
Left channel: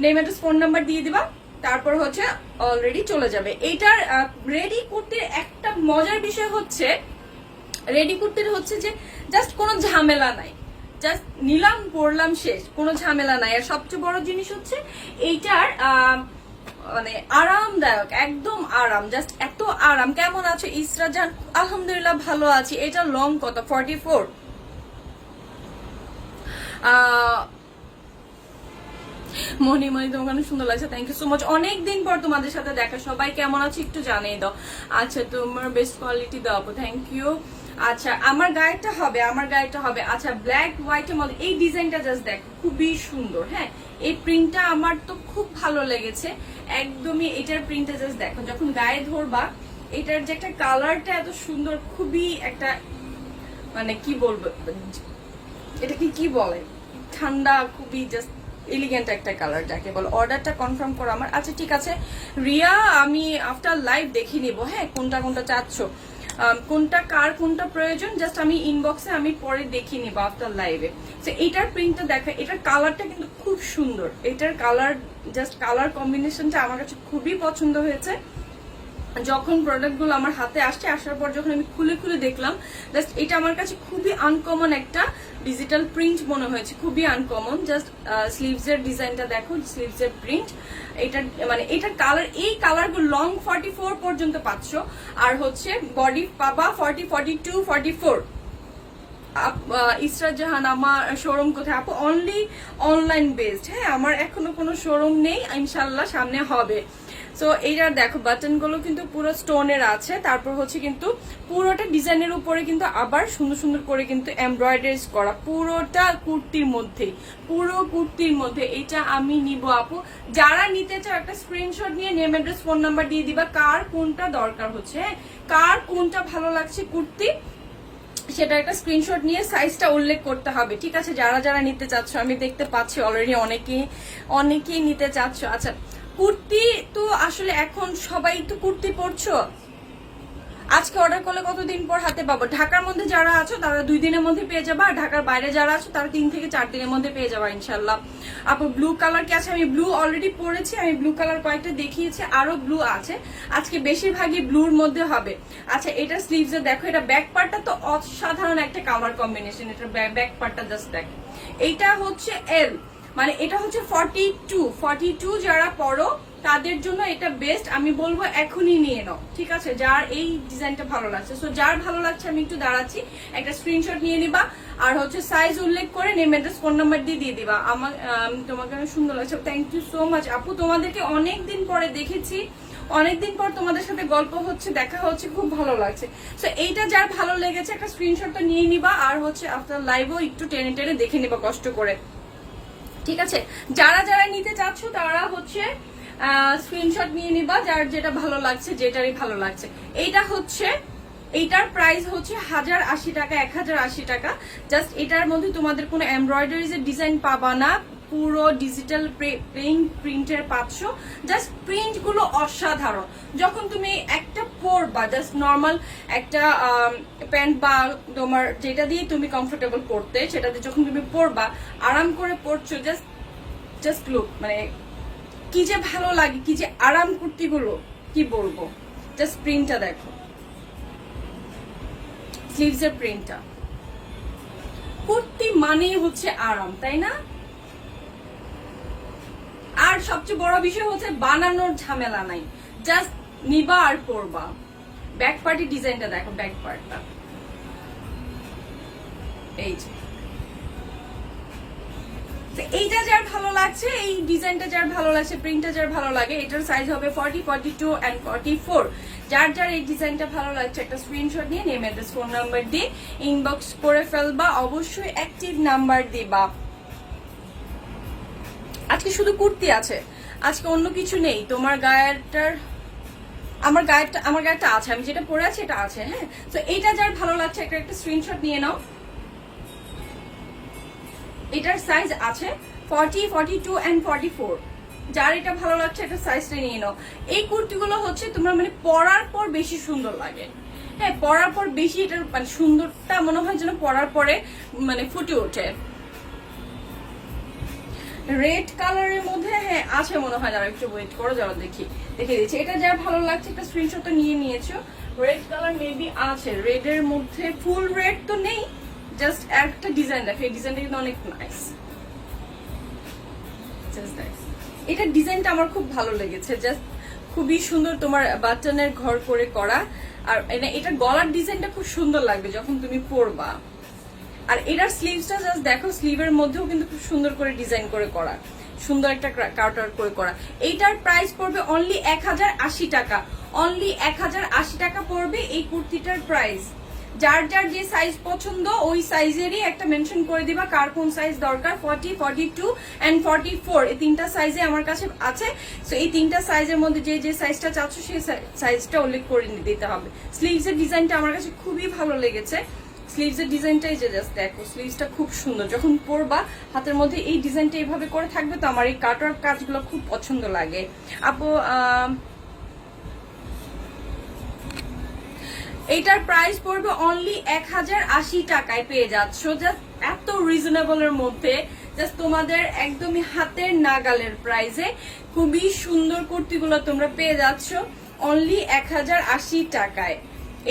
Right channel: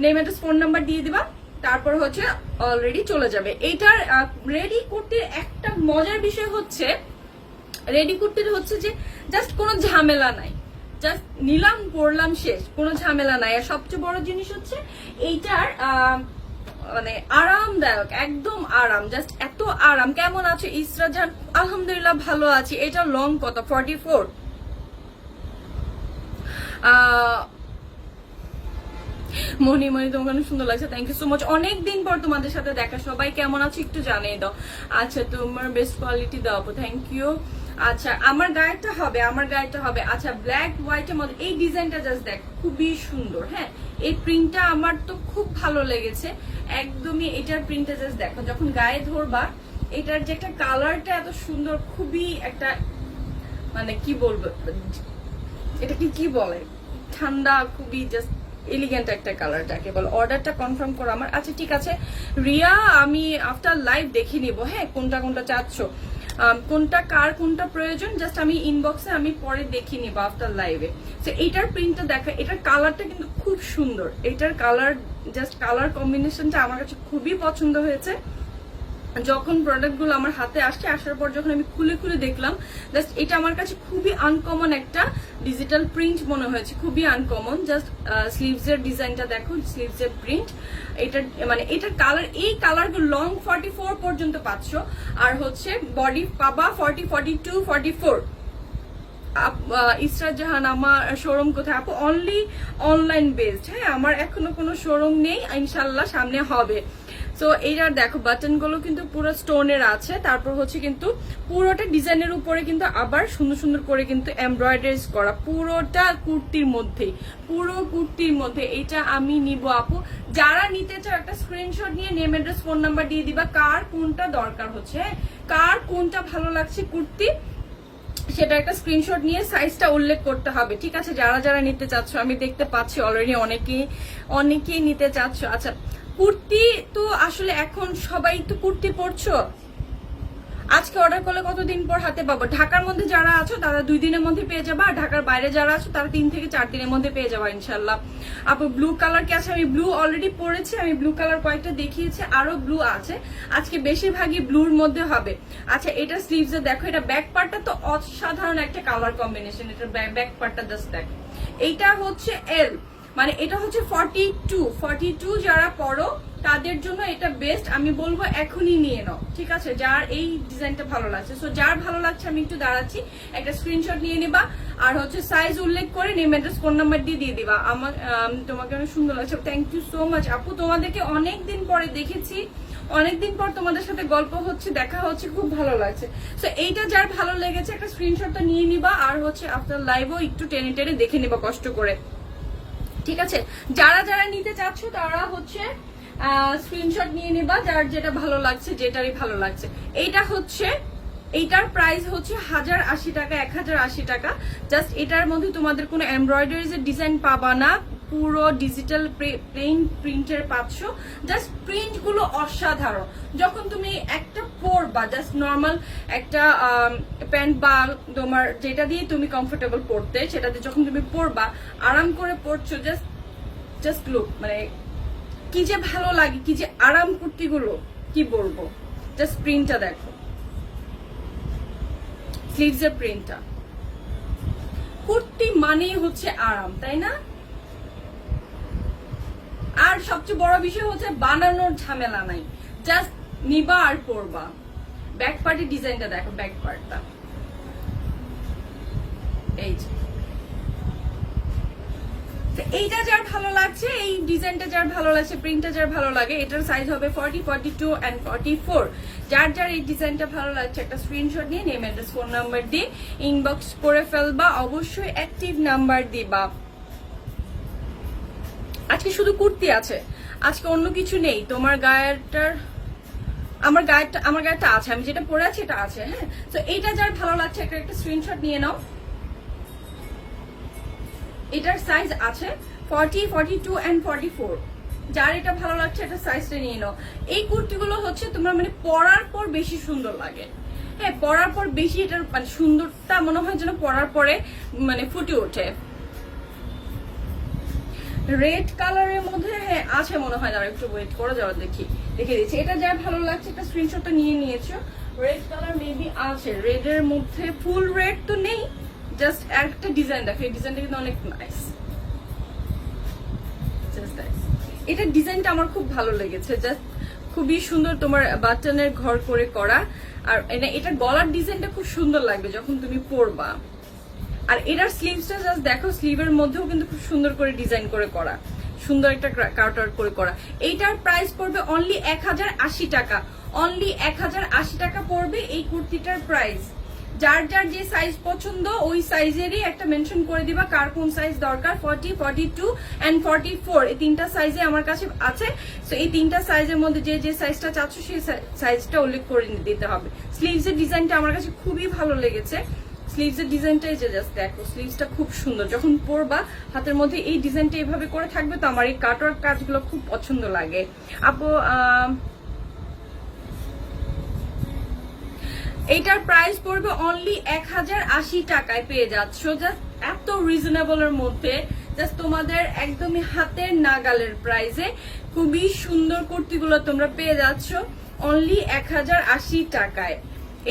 নেম অ্যাড্রেস ফোন নাম্বার দিয়ে দিবা, তারপর হচ্ছে অলরেডি চলে যাবে। এইটার রেডি কুর্তির একটা মজার বিষয় হচ্ছে, রেডি কুর্তির হচ্ছে যে জাস্ট কোনো ঝামেলা নাই, জাস্ট নিলাম পরলাম শেষ, কোনো ঝামেলা নাই। আর সবচেয়ে বড় জিনিস হচ্ছে এইটার মানে আরামদায়ক, একদম আরাম, জাস্ট এত আরাম। কেমন আছো ইসরা জান? আলহামদুলিল্লাহ ভালো আছি। এটা লং কত? 44। মনি তোমার অনেক সুন্দর লাগছে, থ্যাংক ইউ সো মাচ। অনেকদিন পর তোমাদের সাথে দেখা, সবাই কেমন আছো একটু জানিয়ে দাও। আচ্ছা, তোমার বেস্ট কোয়ালিটি দাও, থ্যাংক ইউ। আচ্ছা, আমার গায়েরটা হবে, আমার গায়েরটা হবে। আচ্ছা, ব্ল্যাক হোয়াইট এর মধ্যে এই ডিজাইনটা জাস্ট দেখ, খুবই সুন্দর। হ্যাঁ, এই প্রিন্টটা আমার তো খুব ভালো লেগেছে একদমই। এটার প্রিন্টটা জাস্ট দেখো, যখন গায়ে ধরবা এটার যে একটা কালারটা এত সুন্দর, খুবই একটা মানে কি বলবো, এটাকে কি বলে, ঠান্ডা, খুবই জাস্ট এলিগেন্ট একটা কালার যাকে বলে। অর্ডারটা কনফার্ম করো আমার। আচ্ছা ঠিক আছে রিয়া, আমি আফটার লাইভ দেখে নিব। হ্যাঁ, কোনটা কোনটা চাচ্ছ, কোনটা কার কোনটা প্রয়োজন, জাস্ট আমি ইনবক্সে আমি পরে দেখে নিব আফটার লাইভে। তো এটার প্রিন্টটা দেখা, এটার কালারটা কিন্তু খুব সুন্দর। এটার কালার জাস্ট কালার কম্বিনেশনটা আমার কাছে খুবই পছন্দ হয়েছে। যখন প্রোডাক্টগুলো আমার হাতে আসছে, আসার পর যখন আমি খুলে খুলে দেখলাম, জাস্ট এটা আমার কাছে খুবই আনকমন একটা ডিজিটাল প্রিন্ট মনে হয়েছে, খুবই আনকমন। জাস্ট স্লিভস এর ডিজাইনটা দেখো, স্লিভস এর প্রিন্ট, এটা মানে এটার কালার, এই কালারগুলো লং 44 পর্যন্ত পাচ্ছ, আর হচ্ছে বডি পাবা 40, 42, 44। ইসরাত জাহান, আমার শোরুম কোথায় আপু? Only online based. হ্যাঁ, আমার এখনো কোনো শোরুম নেই, ইনশাল্লাহ সামনে হবে। সো এইটার দেখো বাটন গুলো কিন্তু পুরো স্টোনের আছে, তারপর হচ্ছে কিন্তু পুরোটা ডিজাইনের উপরে কিন্তু আবার সুন্দর সুন্দর করে কিন্তু এমব্রয়ডারিজ করা, পুরোটা কুর্তির মধ্যে, পুরো কুর্তির মধ্যে। এটা আমি নিব আপু, যারা নিতে চাও একটা স্ক্রিনশট নিয়ে নেম অ্যাড্রেস ফোন নাম্বার দিয়ে দিবা, কার কোনটা দরকার হচ্ছে, কার কোনটা ভালো লাগছে কুর্তি, সেটা একটা স্ক্রিনশট নিয়ে সাইজটা উল্লেখ করতে হবে। ঠিক আছে, যারা যারা নিতে চাচ্ছ, আমি দেখতে পাচ্ছি অলরেডি অনেকেই নিতে চাচ্ছ। আচ্ছা, কুর্তি তো আসলে এখন সবাই তো কুর্তি পরছো, আজকে অর্ডার করলে কতদিন পর হাতে পাবো? ঢাকার মধ্যে যারা আছো তারা 2 দিনের মধ্যে পেয়ে যাবা, আর ঢাকার বাইরে যারা আছো তারা 3 থেকে 4 দিনের মধ্যে পেয়ে যাবা ইনশাল্লাহ। আপু ব্লু কালার কি আছে? আমি ব্লু অলরেডি পরেছি, আমি ব্লু কালার কয়েকটা দেখিয়েছি, আরো ব্লু আছে, আজকে বেশিরভাগই ব্লুর মধ্যে হবে। আচ্ছা, এটা স্লিভস দেখো, এটা ব্যাক পার্টটা তো অসাধারণ একটা কালার কম্বিনেশন, এটা ব্যাক পার্টটা জাস্ট দেখো। এইটা হচ্ছে এল, মানে এটা হচ্ছে 42 যারা পড়ো তাদের জন্য এটা বেস্ট, আমি বলবো এখনই নিয়ে নাও। ঠিক আছে, যার এই ডিজাইনটা ভালো লাগছে, সো যার ভালো লাগছে আমি একটু দাঁড়াচ্ছি, একটা স্ক্রিনশট নিয়ে নিবা, আর হচ্ছে সাইজ উল্লেখ করে নেম অ্যাড্রেস ফোন নাম্বার দিয়ে দিবা। আমার তোমাকে অনেক সুন্দর লাগছে, থ্যাংক ইউ সো মাচ আপু। তোমাদেরকে অনেকদিন পরে দেখেছি, অনেকদিন পর তোমাদের সাথে গল্প হচ্ছে, দেখা হচ্ছে, খুব ভালো লাগছে। সো এইটা যার ভালো লেগেছে একটা স্ক্রিনশটটা নিয়ে নিবা, আর হচ্ছে আফটার লাইভও একটু টেনে টেনে দেখে নিবা কষ্ট করে। ঠিক আছে, যারা যারা নিতে চাচ্ছ তারা হচ্ছে স্ক্রিনশট নিয়ে নিবা, যার যেটা ভালো লাগছে, যেটারই ভালো লাগছে। এইটা হচ্ছে, এইটার প্রাইস হচ্ছে 1080 টাকা, 1080 টাকা। জাস্ট এটার মধ্যে তোমাদের কোনো এমব্রয়ডারিজ এর ডিজাইন পাবা না, পুরো ডিজিটাল প্লেন প্রিন্টের পাচ্ছ। জাস্ট প্রিন্ট গুলো অসাধারণ। যখন তুমি একটা পরবা, জাস্ট নর্মাল একটা প্যান্ট বা তোমার যেটা দিয়ে তুমি কমফোর্টেবল পরতে, সেটা দিয়ে যখন তুমি পরবা, আরাম করে পরছো, জাস্ট লুক, মানে কি যে ভালো লাগে, কি যে আরাম কুর্তিগুলো, কি বলবো। জাস্ট প্রিন্টটা দেখো, স্লিভস এর প্রিন্টটা। কুর্তি মানেই হচ্ছে আরাম, তাই না? আর সবচেয়ে বড় বিষয় হচ্ছে বানানোর ঝামেলা নাই, জাস্ট নিবা আর পরবা। ব্যাক পার্টের ডিজাইনটা দেখো, ব্যাক পার্টটা এই যে। এইটা যার ভালো লাগছে, এই ডিজাইনটা যার ভালো লাগছে, প্রিন্টটা যার ভালো লাগে, এটার সাইজ হবে 40, 42 এন্ড 44। যার যার এই ডিজাইনটা ভালো লাগছে একটা স্ক্রিনশট নিয়ে নেম, অ্যাড্রেস, ফোন নাম্বার দিয়ে ইনবক্স করে ফেলবা। অবশ্যই অ্যাক্টিভ নাম্বার দিবা। আজকে শুধু কুর্তি আছে, আজকে অন্য কিছু নেই। তোমার গায়েরটার, আমার গায়েরটা আছে, আমি যেটা পরে আছি এটা আছে। হ্যাঁ, তো এইটা যার ভালো লাগছে একটা স্ক্রিনশট নিয়ে নাও। এটার সাইজ আছে 40, 42 এন্ড 44। যার এটা ভালো লাগছে এটা সাইজটা নিয়ে নাও। এই কুর্তিগুলো হচ্ছে তোমরা মানে পরার পর বেশি সুন্দর লাগে। হ্যাঁ, পরার পর বেশি এটার মানে সুন্দরটা মনে হয় যেন পরার পরে মানে ফুটে ওঠে। রেড কালারের মধ্যে হ্যাঁ আছে মনে হয়, যারা একটু ওয়েট করে যাওয়া দেখে দিচ্ছি। এটা যার ভালো লাগছে একটা স্ক্রিনশট তো নিয়ে নিয়েছো। রেড কালার মেবি আছে, রেড এর মধ্যে ফুল রেড তো নেই, জাস্ট একটা ডিজাইন দেখো। এই ডিজাইনটা কিন্তু অনেক নাইস, এটা ডিজাইনটা আমার খুব ভালো লেগেছে। জাস্ট খুবই সুন্দর, তোমার বাটনের ঘর করে করা। আর এটা গলার ডিজাইনটা খুব সুন্দর লাগবে যখন তুমি পরবা। আর এটার স্লিভসটা জাস্ট দেখো, স্লিভের মধ্যেও কিন্তু খুব সুন্দর করে ডিজাইন করে করা, সুন্দর একটা কাউন্টার করে করা। এইটার প্রাইস পড়বে অনলি 1080 টাকা। অনলি 1080 টাকা পড়বে এই কুর্তিটার প্রাইস। যার যার যে সাইজ পছন্দ ওই সাইজেরই একটা মেনশন করে দিবা কার কোন সাইজ দরকার। 40, 42 এন্ড 44 এই তিনটা সাইজে আমার কাছে আছে। সো এই তিনটা সাইজের মধ্যে যে যে সাইজটা চাচ্ছ সেই সাইজটা উল্লেখ করে দিতে হবে। স্লিভস এর ডিজাইনটা আমার কাছে খুবই ভালো লেগেছে। স্লিভস এর ডিজাইনটাই যে জাস্ট দেখো, স্লিভসটা খুব সুন্দর। যখন পরবা হাতের মধ্যে এই ডিজাইনটা এইভাবে করে থাকবে, তো আমার এই কাটওয়ার্ক কাজগুলো খুব পছন্দ লাগে। আপু এইটার প্রাইস পড়বে অনলি 1080 টাকায় পেয়ে যাচ্ছ। জাস্ট এত রিজনেবল এর মধ্যে, জাস্ট তোমাদের একদমই হাতের নাগালের প্রাইসে খুবই সুন্দর কুর্তিগুলো তোমরা পেয়ে যাচ্ছ অনলি 1080 টাকায়।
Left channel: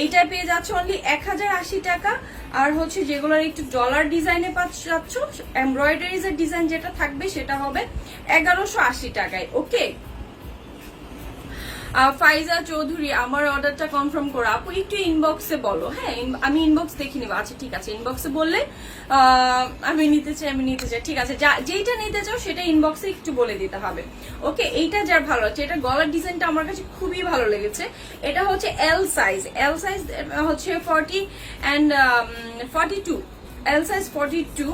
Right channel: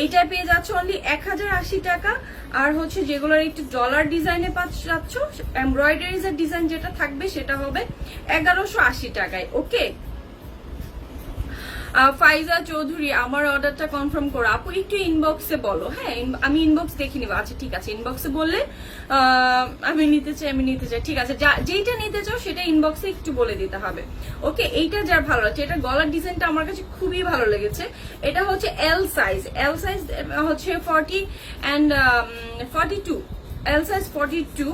এইটা পেয়ে যাচ্ছ অনলি 1080 টাকা। আর হচ্ছে যেগুলোর একটু ডলার ডিজাইনে পাচ্ছ, এমব্রয়ডারিজ এর ডিজাইন যেটা থাকবে সেটা হবে 1180 টাকায়। ওকে, ফাইজা চৌধুরী আমার অর্ডারটা কনফার্ম করো। আপু একটু ইনবক্সে বলো। হ্যাঁ, আমি ইনবক্স দেখে নিবো। আচ্ছা ঠিক আছে, ইনবক্সে বললে আমি নিতে চাই। ঠিক আছে, যেইটা নিতে চাও সেটা ইনবক্সে একটু বলে দিতে হবে। ওকে, এইটা যার ভালো লাগছে, এটা গলার ডিজাইনটা আমার কাছে খুবই ভালো লেগেছে। এটা হচ্ছে এল সাইজ হচ্ছে 40 এন্ড 42, এল সাইজ 42।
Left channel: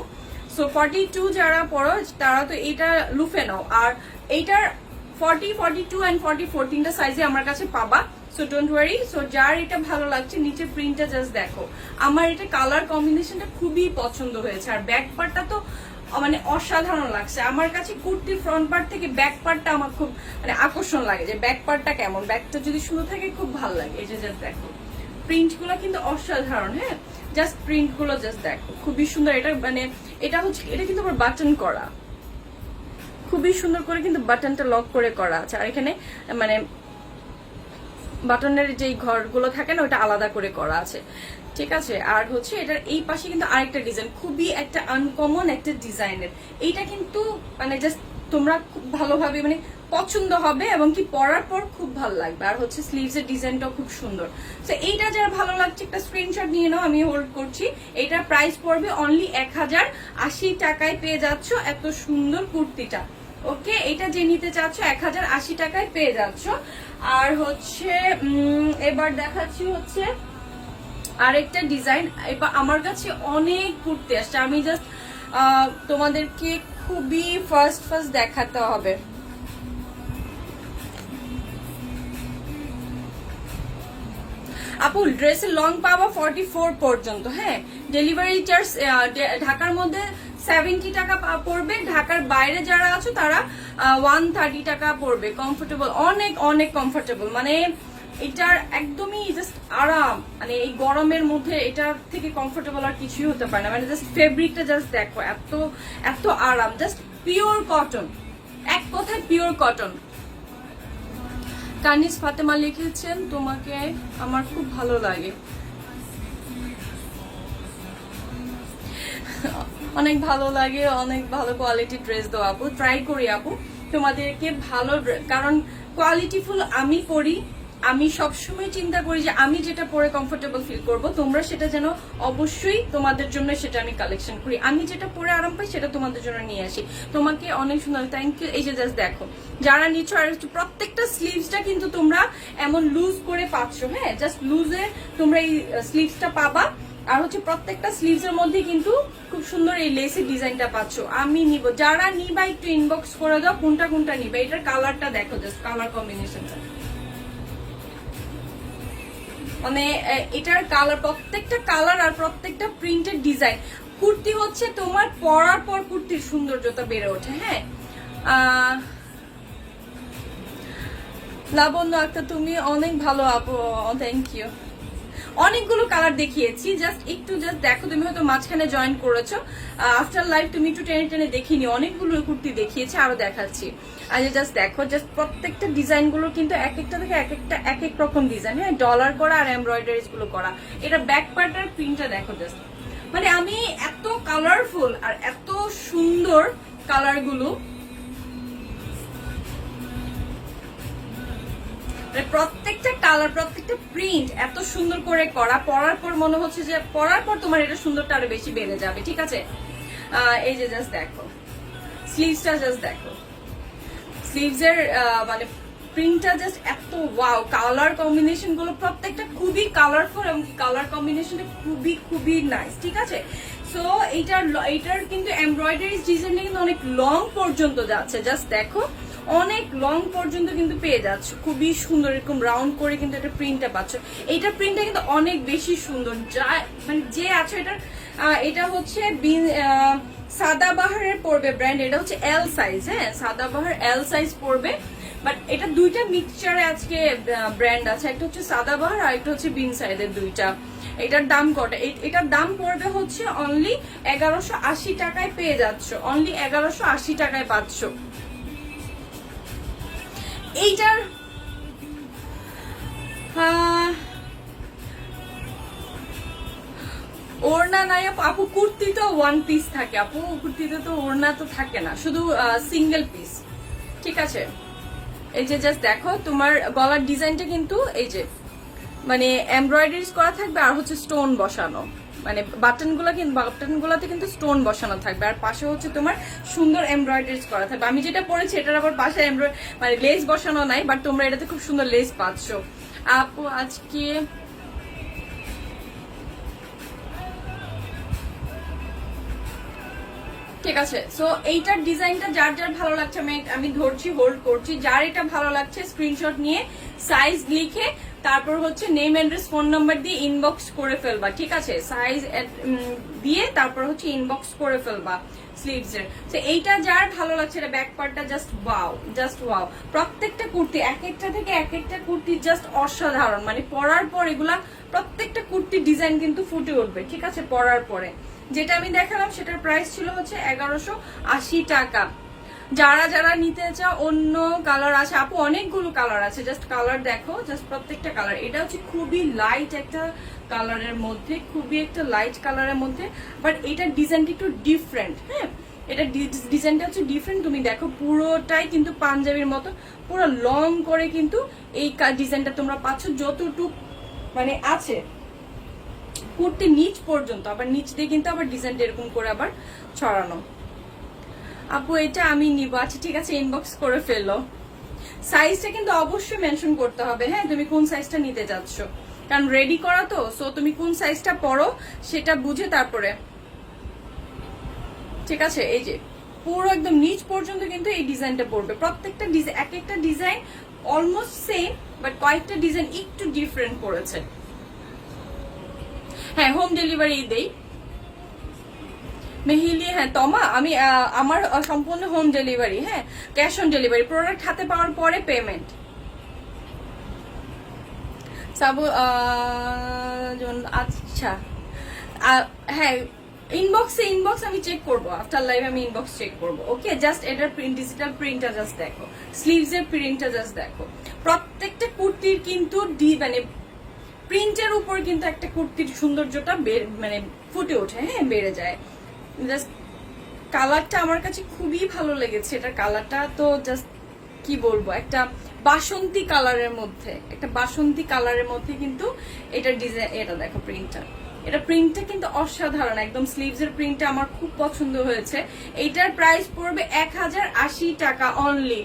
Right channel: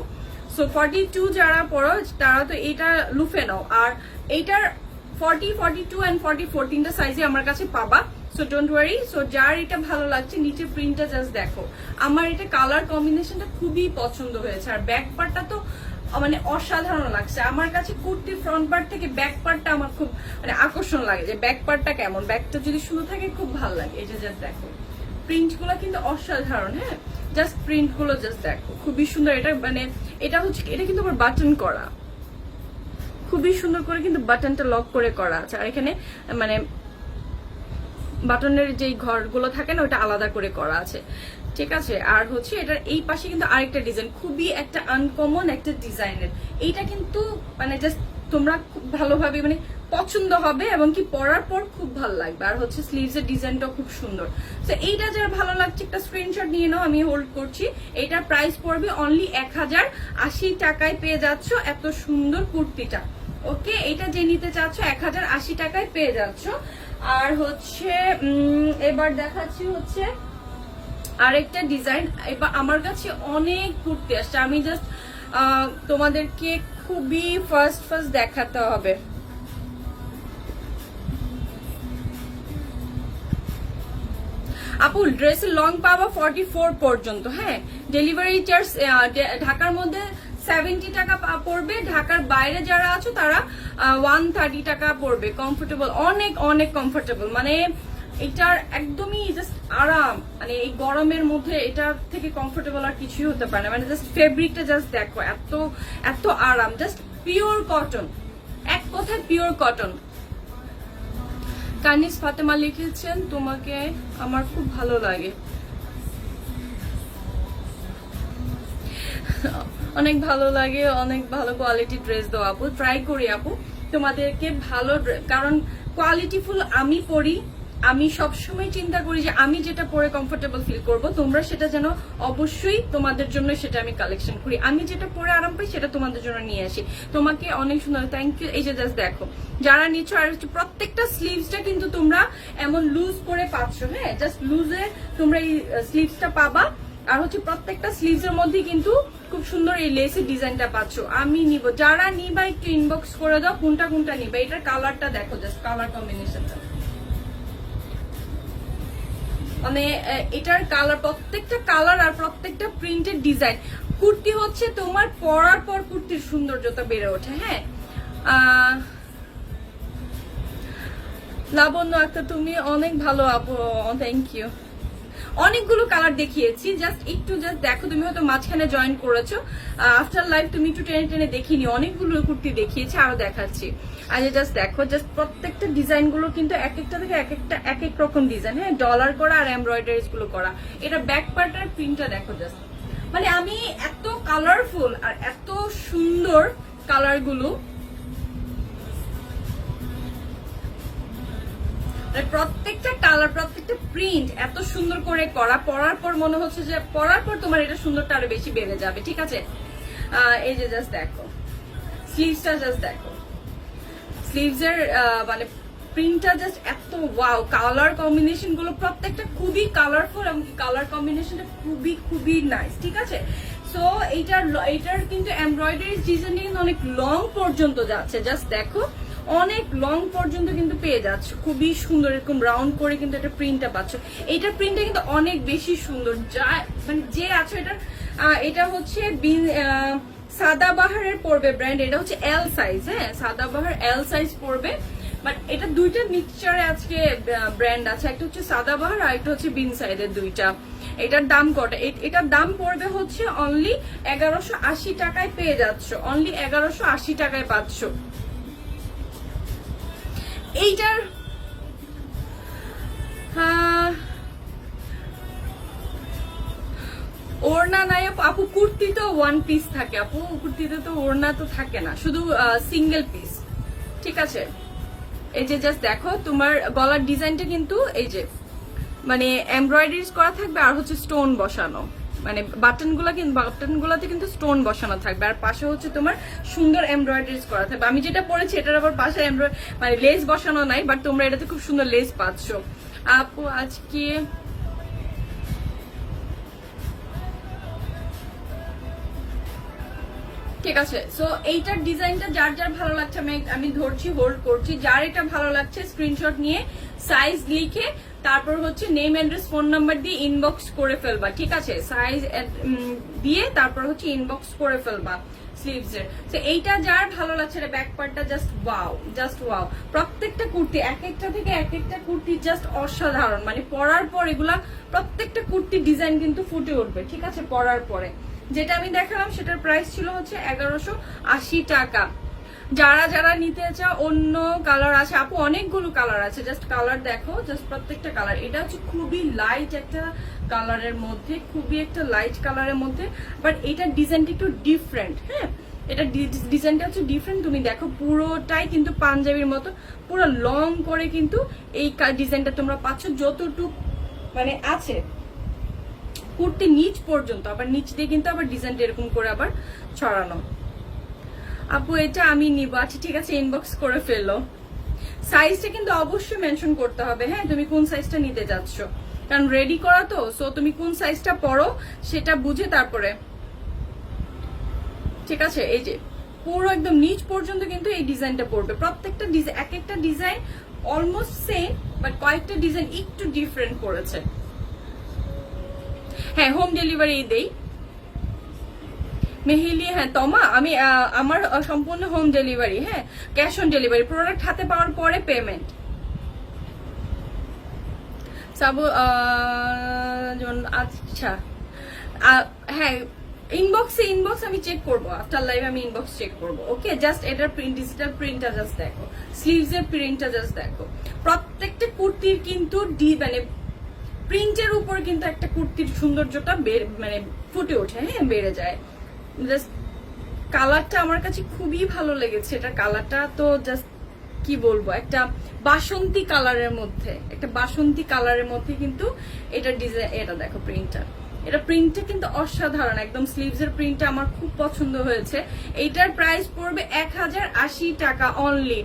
সো 42 যারা পড়ো তারা তো এইটা লুফে নাও। আর এইটার 40, 42 এন্ড 44 তিনটা সাইজে আমার কাছে পাবা। So don't worry. সো যার এটা ভালো লাগছে নিচে প্রিন্টটা জাস্ট দেখো। আমার এটা কালার কম্বিনেশনটা খুবই পছন্দ হয়েছে। আর ব্যাক পার্টটা তো মানে অসাধারণ লাগছে আমার কাছে। কুর্তির ফ্রন্ট পার্ট থেকে ব্যাক পার্টটা আমার খুব মানে আকর্ষণ লাগে, যে ব্যাক পার্টটা কেমন, ব্যাকটা যদি সুন্দর থাকে খুব ভালো লাগে। এই যে জাস্ট দেখো প্রিন্ট গুলো কিন্তু অসাধারণ। হ্যাঁ, জাস্ট প্রিন্ট গুলো জাস্ট দেখো খুবই সুন্দর। এটা মানে এটা হচ্ছে, এটা কিন্তু আবার বাটন করা, খুবই সুন্দর করে কিন্তু বাটনটা লক করে করা আছে। আর এখানে মানে বাটনের যে ঘরগুলো থাকে না ওটা আলাদা করে করা আছে। ঠিক আছে, আর হচ্ছে এটার এই পাশে কিন্তু আরেকটা ডিজাইন, খুবই একটা আনকমন একটা ডিজাইনের। এইটা কিন্তু মানে জাস্ট তোমরা খুব ভালোভাবে মানে পছন্দ হবে এবং কি পরার পর খুব ভালো লাগবে। আর হচ্ছে স্লিভস এর ডিজাইনটাও খুব সুন্দর। তো এইটা যারা ভালো লাগছে একটা স্ক্রিনশট নিয়ে নাও, আমি হোল্ড করছি। এইটার প্রাইস পড়বে অনলি 1080 টাকায় পেয়ে যাচ্ছ এত সুন্দর কুর্তিটা। ওকে, এটা যে নিতে চাচ্ছ 1080 টাকায় পেয়ে যাচ্ছ। আর হচ্ছে এবার দেখাচ্ছি হচ্ছে আরেকটা ডিজাইন। এবার আমার কাছে অনেক কুর্তি আসছে, আমি জাস্ট তোমাদেরকে খুবই ফার্স্ট দেখাতে হবে। আপু ড্রেসের লং পাবো 44 পর্যন্ত। হ্যাঁ, ডেলিভারি চার্জ ঢাকার মধ্যে 70 টাকা পড়বে, ঢাকার বাইরে যারা আছো তারা 130 টাকা পড়বে। কমফোর্টেবল, অনেক অনেক কমফোর্টেবল, মানে এটার একদমই জাস্ট আরাম। মানে এই গরমের মধ্যে এটার থেকে কমফোর্টেবল আর কিছুই হতে পারে না। মানে জাস্ট ফেব্রিকটা জাস্ট দেখো, এত এত আরাম, জাস্ট পিওর কটন, এক কথায় পিওর কটন। কানিজ ফাতেমা লিখেছেন তোমাকে আমার খুব ভালো লাগে। অনেক ভালো লাগে, অনেক ভালো কোয়ালিটি ড্রেস দাও আপু, ট্রাই করি আপু তোমাদেরকে ভালো, কারণ কোয়ালিটিফুল আমি পরি, আমি সবসময় চিন্তা করি যে আমি যেটা পরে কমফোর্টেবল ফিল করব, তোমরা সেটা যেন অবশ্যই তোমাদের জন্য সেটা আমি কালেকশন করি, আমি যেটা পরে আরাম পাই সেটা তোমাদের জন্য নিয়ে আসি। তোমাকে অনেক সুন্দর, থ্যাংক ইউ। এই যে জাস্ট দেখো যারা নিচ্ছ, আর প্রত্যেকটা স্লিভসটা কিন্তু তোমরা এমন লুজ করে পাচ্ছ, হ্যাঁ জাস্ট লুজে তোমরা এই স্লিভসটা পাবা, আর হচ্ছে প্রত্যেকটা স্লিভস এর মধ্যে কিন্তু খুব সুন্দর এই লেসের ডিজাইনটা পাচ্ছ। আমি নিব, যারা নিবা একটু ইনবক্স করে দাও কোনটা কোনটা নিবা। এটার কালারটা দেখো, জাস্ট কালার কম্বিনেশনটা, মানে এটার কালার, প্রত্যেকটা কালার আর প্রত্যেকটা প্রিন্টেড ডিজাইন। কুর্তি হচ্ছে তোমার পরার পর কুর্তির সৌন্দর্যতা বেড়ে ওঠে। হ্যাঁ লাবণ্য আক্তার তুমি অনেক ভালো আপু, থ্যাংক ইউ। অনেকগুলো কালার দেখিয়েছি, জাস্ট একটু জাস্ট দেখো, তুমি হয়তো মাঝখানে জয়েন করেছো, আফটার লাইভ তুমি একটু টেনে টেনে দেখিনি, অনেকগুলো কুর্তি দেখিয়েছি, আরো দেখাচ্ছি। আজ জাস্ট দেখো, জাস্ট প্রত্যেকটা ডিজাইন গুলো কিন্তু এক একটা থেকে এক এক রকম ডিজাইন, হ্যাঁ ডলার করা আর এমব্রয়ডারিজ গুলো করা। এটা ব্যাক পার্টের প্রিন্টটা দেখো জাস্ট, মানে আমি এত কালারফুল আর এত সুন্দর কালার গুলো, প্রত্যেকটা কালার প্রত্যেকটা প্রিন্ট এত সুন্দর করে করা, পরার পর মনে হচ্ছে যে পরার পর তোমার এটা সুন্দরটা আরো বেশি বেড়ে যাবে। ঠিক আছে, এই যে জাস্ট দেখো স্লিভসটা, জাস্ট দেখো স্লিভস এর মানে প্রিন্টটা জাস্ট এত ওয়াও, কালার কম্বিনেশন গুলো প্রত্যেকটা খুবই কালারফুল এবং কালার কম্বিনেশনটা খুবই খুবই নাইস। ঠিক আছে, সো এইটার কিন্তু এমব্রয়ডারি ডিজাইনটা কিন্তু অনেক লং পর্যন্ত যাচ্ছে, জাস্ট দেখো অনেক লং পর্যন্ত কিন্তু পেয়ে যাচ্ছ, খুবই সুন্দর এরকম রাউন্ড করে কিন্তু একটা প্রিন্টটা পাচ্ছ। এইটা প্রিন্টটা কিন্তু অনেক বেশি সুন্দর, যা মানে যে আছে এটা হচ্ছে সাদাবাহারের পড়বে ব্র্যান্ড, এটা হচ্ছে এল সাইজ, হ্যাঁ সাদাবাহার এল সাইজ পড়বে, বাট এটা দুইটা মিক্সচারে আজকে ব্র্যান্ড আছে, একটা হচ্ছে সাদাবাহার আর একটা হচ্ছে বিন সাইডের দুইটা। এটার দাম কত? এটার দাম পড়বে হচ্ছে অনলি 1180 টাকায় পেয়ে যাচ্ছ, অনলি 1180 টাকায় পাচ্ছ। এইটার ওড়না নাই আপু, কুর্তি তো ওয়ান পিস থাকে আপু, কুর্তিতে তো ওড়না তো থাকে না, শুধু সিঙ্গেল পিস। ঠিক আছে, এই যে জাস্ট দেখো তোমার গলার ডিজাইনটা কিন্তু এই যে মানে এমব্রয়ডারিজ করা থাকবে, আর হচ্ছে স্টোন বসানো, মানে বাটনগুলোতে কিন্তু স্টোন বসানো থাকবে, আর পাশে হচ্ছে তোমার সুন্দর এমব্রয়ডারিজ করা থাকবে। আমি যেটা পরেছি এটার আবার পাশে মানে লেস বসানো নাই, বাট তোমরা এটাতে খুব সুন্দর লেস পাচ্ছ আপু। আজকে ঠিক আছে, সো এইটার ডিজাইনটা যার যার ভালো লাগছে আমি ধরছি, হোল্ড করছি, যার এটা ভালো লাগছে স্ক্রিনশট নিয়ে সাইজ লিখে তারপর হচ্ছে নেম অ্যাড্রেস ফোন নাম্বার দিয়ে ইনবক্স করে ফেলবা। ঠিক আছে, সাইজ দিয়ে তারপর হচ্ছে ইনবক্স করে ফেলবা স্লিভস এর। তো এইটা যার ভালো লাগছে, এটা ব্যাক পার্টটা জাস্ট ওয়াও, জাস্ট ওয়াও। প্রত্যেকটা কুর্তি এক একটা থেকে এক একটা কুর্তি জাস্ট অসাধারণ, মানে পরার পর এগুলা প্রত্যেকটা কুর্তির ডিজাইন কিন্তু ফুটে উঠবে। ঠিক আছে, পরার পরে যেটা আমি দেখালাম সেটার প্রাইস ছিল হচ্ছে 1180 টাকা। যারা যারা নিতে চাও, অন্য কালার আছে আপু, অনেকগুলো কালার আছে, জাস্ট কালার দেখো, জাস্ট প্রত্যেকটা কালার। এটা হচ্ছে খুবই লাইট একটা কালারের মধ্যে, খুবই একটা লাইট কালারের মধ্যে, বাট এটার ডিজাইনটা একটু ডিফারেন্ট। হ্যাঁ, এটা ডিজাইনটা হচ্ছে ডিফারেন্ট। তুমি দেখো পুরোটাই কিন্তু পাঞ্জাবির মতো পুরো লং করে কিন্তু এই ডিজাইনটা তোমরা পাচ্ছ, যতটুকু মানে আছে কুর্তি নিচ পর্যন্ত, আবার নিচ দিয়ে কিন্তু আবার ডিজাইনটা এরকম করে আবার ছড়ানো। আপু এটা আমি নিব, আচ্ছা ঠিক আছে, ইনবক্স করে ফেললো। সাইজটা কিন্তু অবশ্যই মেনশন করতে হবে, হ্যাঁ তুমি কোন সাইজটা নিতে যাচ্ছ, কারণ রেডি করা তো, সো তুমি কোন সাইজটা পরো সেটা বুঝে তারপরে। ঠিক আছে, এই যে পুরো একদম নিচ পর্যন্ত কিন্তু এই ডিজাইনটা পড়বে, প্রত্যেকটা ডিজাইন এক একটা ডিজাইন অলমোস্ট সেম, বাট কয়েকটা ডিজাইন একটু ডিফারেন্ট করেছে। হ্যাঁ, হোম ডেলিভারি দেই মেহিলি। হ্যাঁ তমা, আমি আমার সম্পূর্ণ হোম ডেলিভারি, হ্যাঁ ক্যাশ অন ডেলিভারি, প্রোডাক্ট হাতে পাওয়ার পরে পেমেন্ট। সাবু আচ্ছা হ্যাঁ, ইনবক্স আমি চেক করবো, আফটার লাইভ আমি ইনবক্স চেক করবো। ওকে, জাস্ট এটার ডিজিটাল প্রিন্টটা জাস্ট দেখো, স্লিভস এর প্রিন্টটা জাস্ট দেখো। প্রত্যেকটা কুর্তির কিন্তু মানে প্রিন্টের উপর কিন্তু একটা কুর্তির সৌন্দর্যটা মানে ফুটে ওঠে, হ্যাঁ, বেড়ে যায়। জাস্ট কালারটা আমার কাছে খুবই ভালো লেগেছে। এটা কালারটা তো জাস্ট কি বলবো, একটা বাসন্তী কালারের মধ্যে, একটা বাসন্তী কালারের মধ্যে কিন্তু এটা ডিজাইন, এটা দেখো প্রিন্টটা, এটা প্রিন্টটা কিন্তু অসাধারণ, একদম স্লিভস এর প্রিন্টটা আমার খুব পছন্দ হয়েছে। এইটার প্রাইস পড়বে 1080 টাকা only.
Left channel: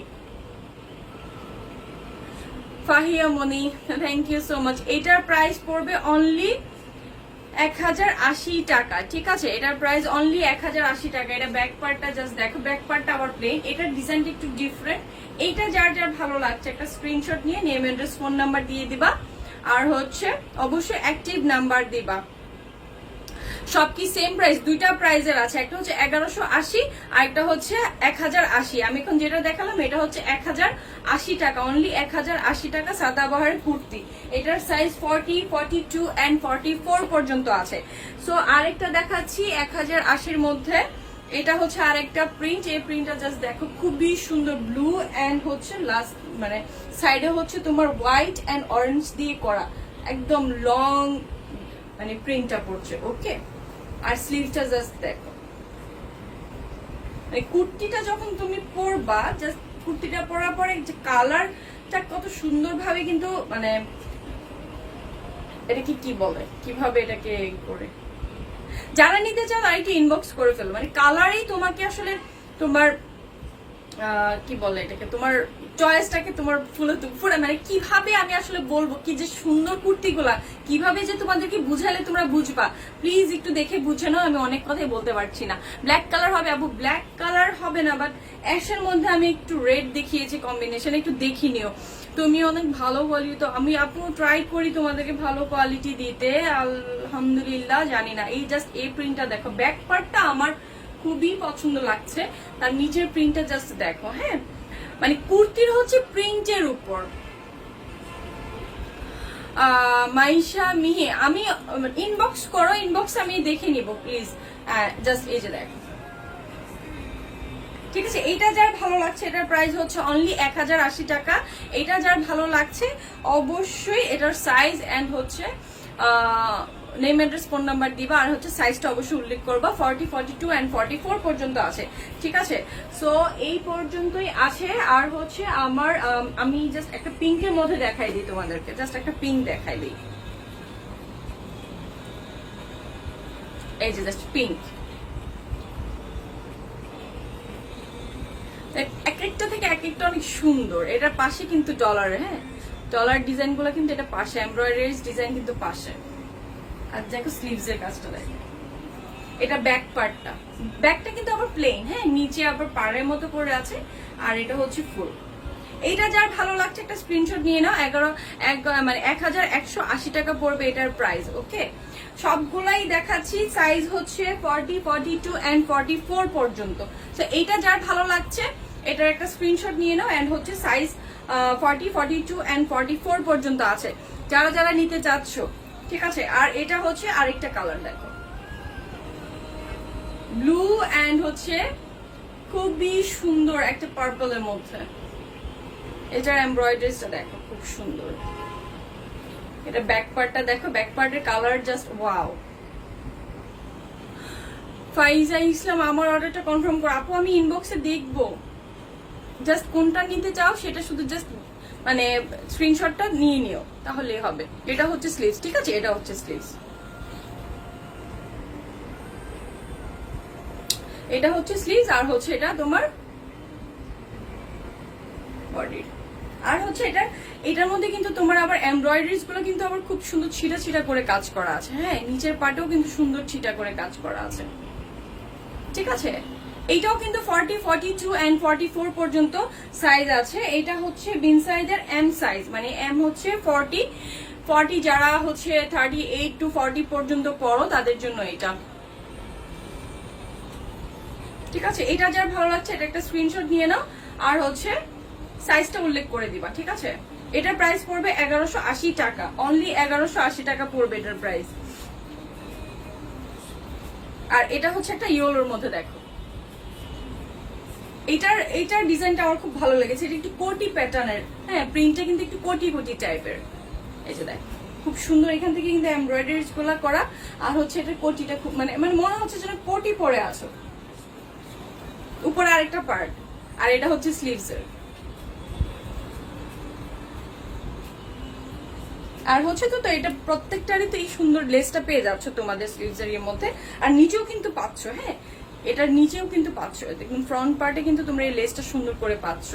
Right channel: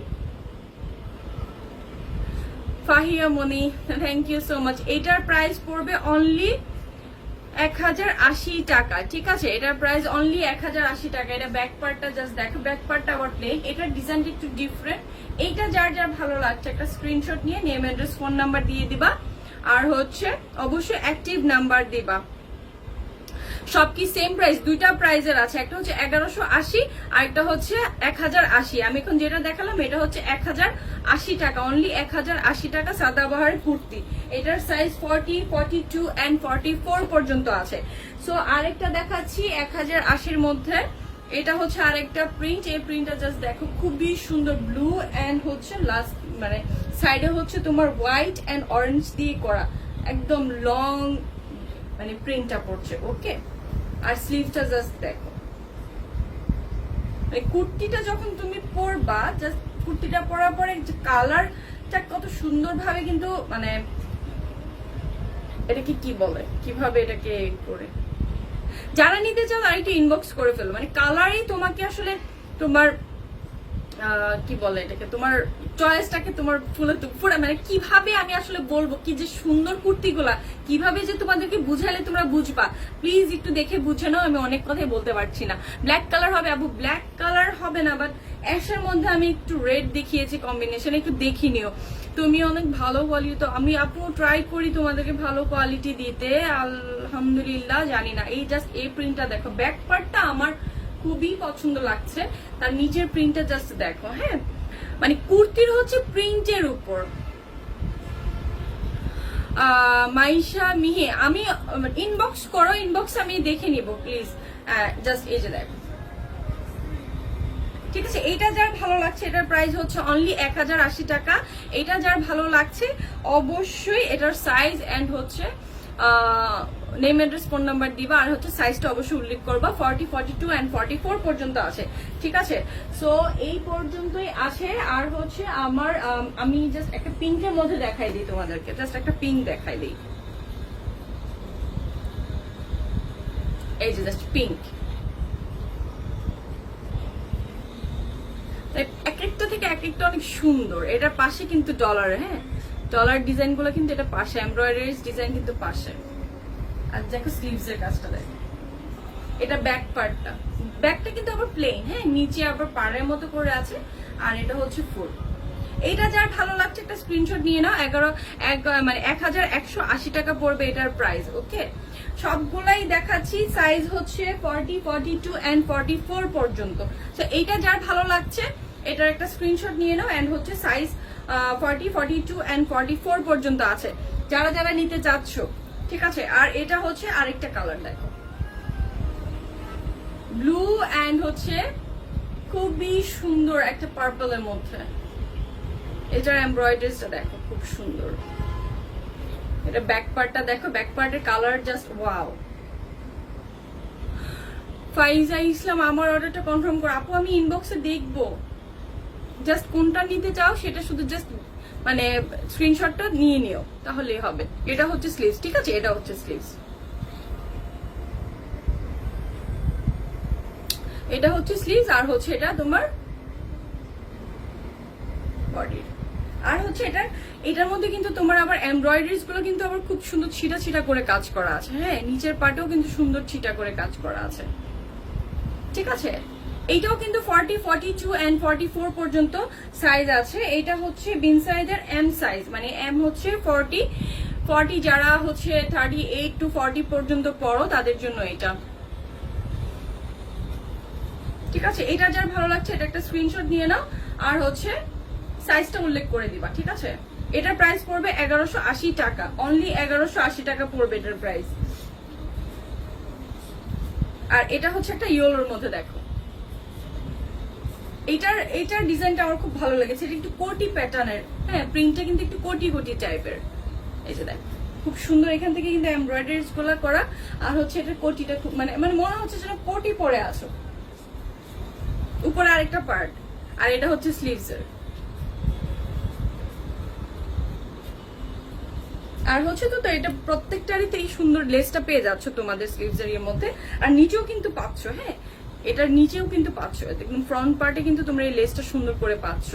Fahiya Moni, thank you so much. এটার প্রাইস পড়বে অনলি 1080 টাকা, ঠিক আছে? এটার প্রাইস অনলি 1080 টাকা। এটা ব্যাক পার্টটা জাস্ট দেখো, ব্যাক পার্টটা আবার প্লেন, এটার ডিজাইনটা একটু ডিফারেন্ট। এইটা যার যার ভালো লাগছে একটা স্ক্রিনশট নিয়ে নেম অ্যাড্রেস ফোন নাম্বার দিয়ে দিবা, আর হচ্ছে অবশ্যই অ্যাক্টিভ নাম্বার দিবা। সব কি সেম প্রাইস? দুইটা প্রাইজের আছে, একটা হচ্ছে 1180 আর একটা হচ্ছে 1080। আমি এখন যেটা দেখালাম এটা হচ্ছে 1080 টাকা, অনলি 1080 টাকা সাদাবাহারের কুর্তি। এটার সাইজ 40, 42 এন্ড 44 পর্যন্ত আছে। সো আরেকটা দেখাচ্ছি 1080-র মধ্যে, এটা হচ্ছে আরেকটা প্রিন্ট। এই প্রিন্টটা জাস্ট দেখো, খুবই সুন্দর, ব্লু এন্ড হচ্ছে লাস্ট মানে সাইডে হচ্ছে তোমার হোয়াইট এন্ড অরেঞ্জ দিয়ে করা, একদম লং মানে প্রিন্টটা পড়ছে। ওকে, আর স্লিভটা জাস্ট দেখো, মানে কুর্তিটা যখন তুমি পরবা, জাস্ট কুর্তিটা পরার পরে যে কালারটা কত সুন্দর ভাবে কিন্তু মানে এটাকে কি বলে, কিভাবে এটাকে করে যারা নিতে চাও তারা একটু ইনবক্স করে ফেলো। মানে কালারই তোমাকে আসলে তোমার কি বলে এটাকে, তোমার চয়েসটাকে তোমার ফুলে মানে কিভাবে আমি আসলে বলবো কি যে সুন্দর কুর্তিগুলা কিভাবে যে তোমাদেরকে বুঝালে তোমরা বুঝবা, প্লিজ একটু দেখে বুঝে নাও। আমি অনেক কথাই বলতে পারছি না। ব্ল্যাক কালার হবে আপু, ব্ল্যাক কালার হবে না, বাট অ্যাশের মধ্যে আমি একটু রেড দেখিয়েছি কম্বিনেশন, একটু দেখি নিও। তুমি অনেক ভালো কোয়ালিটি, তো আমি আপু ট্রাই করি তোমাদেরকে ভালো কোয়ালিটি দিতে, আলহামদুলিল্লাহ। জানি না, এই জাস্ট এই প্রিন্টটা দেখো, ব্যাক পার্টটা আমার খুবই পছন্দ লাগছে, তার নিচের প্রিন্টটা জাস্ট দেখো। হ্যাঁ, মানে কুর্তির হচ্ছে প্রিন্টের উপর। মাইশা মিহি, আমি ইনবক্স করো, ইনবক্স আমি দেখে নিব প্লিজ। জাস্ট এই যে দেখো, ঠিক আছে? এইটা যার ভালো লাগছে এটার প্রাইস হচ্ছে অনলি 1080 টাকা। এটা যার ভালো লাগছে অবশ্যই এটার সাইজ এন্ড হচ্ছে নেম অ্যাড্রেস ফোন নাম্বার দিবা, আর হচ্ছে সাইজটা অবশ্যই উল্লেখ করবা। 40, 42 এন্ড 44 পর্যন্ত আছে, ঠিক আছে? সো এই পর্যন্তই আছে। আর হচ্ছে আমার আমি জাস্ট একটা পিঙ্কের মধ্যে দেখাই দিই তোমাদেরকে, জাস্ট একটা পিঙ্ক দেখাই দিই। এই যে জাস্ট পিঙ্ক, এক একটা থেকে এক একটা অনেক সুন্দর। এটার পাশে কিন্তু ডলার, হ্যাঁ, ডলার ডিজাইন গুলো কিন্তু এটা পাশে, এমব্রয়ডারি ডিজাইন কিন্তু পাশে। আর দেখো স্লিভস এর কাজটা দেখো, এটা ব্যাক পার্টটা, ব্যাকটা কিন্তু আবার প্লেন, হ্যাঁ, নিচে আবার পাড়ের মতো করে আছে, আর এটা হচ্ছে ফুল। এইটা যার ভালো লাগছে একটা স্ক্রিনশট নিয়ে নাও। 1180 টাকা পড়বে এটার প্রাইস। ওকে, সবগুলাই দেখাচ্ছি, সাইজ হচ্ছে 40, 42 এন্ড 44 পর্যন্ত। তো এইটা যার ভালো লাগছে এটার একটা স্ক্রিনশট নিয়ে নাও, এন্ড হচ্ছে সাইজ 40, 42 এন্ড 44 পর্যন্ত আছে যারা যারা নিতে চাচ্ছ, ঠিক আছে? আর এটা হচ্ছে আরেকটা কালার দেখো, ব্লু এন্ড হচ্ছে খুবই সুন্দর একটা পার্পলের মধ্যে। এটার এমব্রয়ডারিটা দেখো, খুব সুন্দর। এটা ব্যাক পার্টটা দেখো, ব্যাক পার্টের কালার জাস্ট ওয়াও। ফাইজা ইসলাম, আমার অর্ডারটা কনফার্ম করো। আপু আমি ইনবক্সে দেখবো, জাস্ট কোনটা নিতে চাও সেটা শুধু জাস্ট মানে স্ক্রিনশটটা নিয়ে নিও, তাহলেই হবে। এটা হচ্ছে স্লিভস, ঠিক আছে? এটা হচ্ছে স্লিভস, এটা হচ্ছে স্লিভস, আর হচ্ছে এটা তোমার বডি। আর হচ্ছে এটার মধ্যে কিন্তু তোমার আবার এমব্রয়ডারিজ গুলো কিন্তু আবার খুব সুন্দর ছিটা ছিটা করে কাজ করা আছে, হ্যাঁ, নিচের পাটেও কিন্তু সুন্দর ছিটা করে কাজ করা আছে, ঠিক আছে? এইটাও কিন্তু 40, 42 এন্ড 44 পর্যন্ত সাইজ আছে। এটা হচ্ছে বিন সাইজের এম সাইজ, মানে এম হচ্ছে 40 যারা হচ্ছে 38 to 40 পর্যন্ত পড়ো তাদের জন্য এটা, ঠিক আছে? এটা যার ভালো লাগছে এটা একটা স্ক্রিনশট নিয়ে নাও, আর হচ্ছে সাইজটা উল্লেখ করে দিবা, ঠিক আছে? এটার প্রাইস পড়বে 1180 টাকা, অনলি 1180 টাকা পড়বে এটার প্রাইস। আর এটা হচ্ছে একটা ইয়েলোর মধ্যে দেখো, এইটার ডিজাইনটা আমার খুব ভালো লেগেছে। এটা একটু কোটি প্যাটার্নের, হ্যাঁ প্রিন্টটা কিন্তু একটু কোটি কোটি টাইপের। এই যে দেখ খুব সুন্দর, এখান থেকে কিন্তু এমব্রয়ডারিজ গুলা করা। আর হচ্ছে এটার কোটিটা খুব মানে মানে মনে হচ্ছে যেন কোটি পরে আছো, উপরে আরেকটা পার্ট। আর এটা হচ্ছে স্লিভস এর। আর হচ্ছে তো এটা প্রত্যেকটারই তো এই সুন্দর লেসটা পেয়ে যাচ্ছ তোমাদের স্লিভস এর মধ্যে। আর নিচেও কিন্তু পাচ্ছ, হ্যাঁ এটার নিচেও কিন্তু পাচ্ছ, একদম ফ্রন্ট পার্টে কিন্তু তোমরা এই লেসটা সুন্দর করে পাচ্ছ।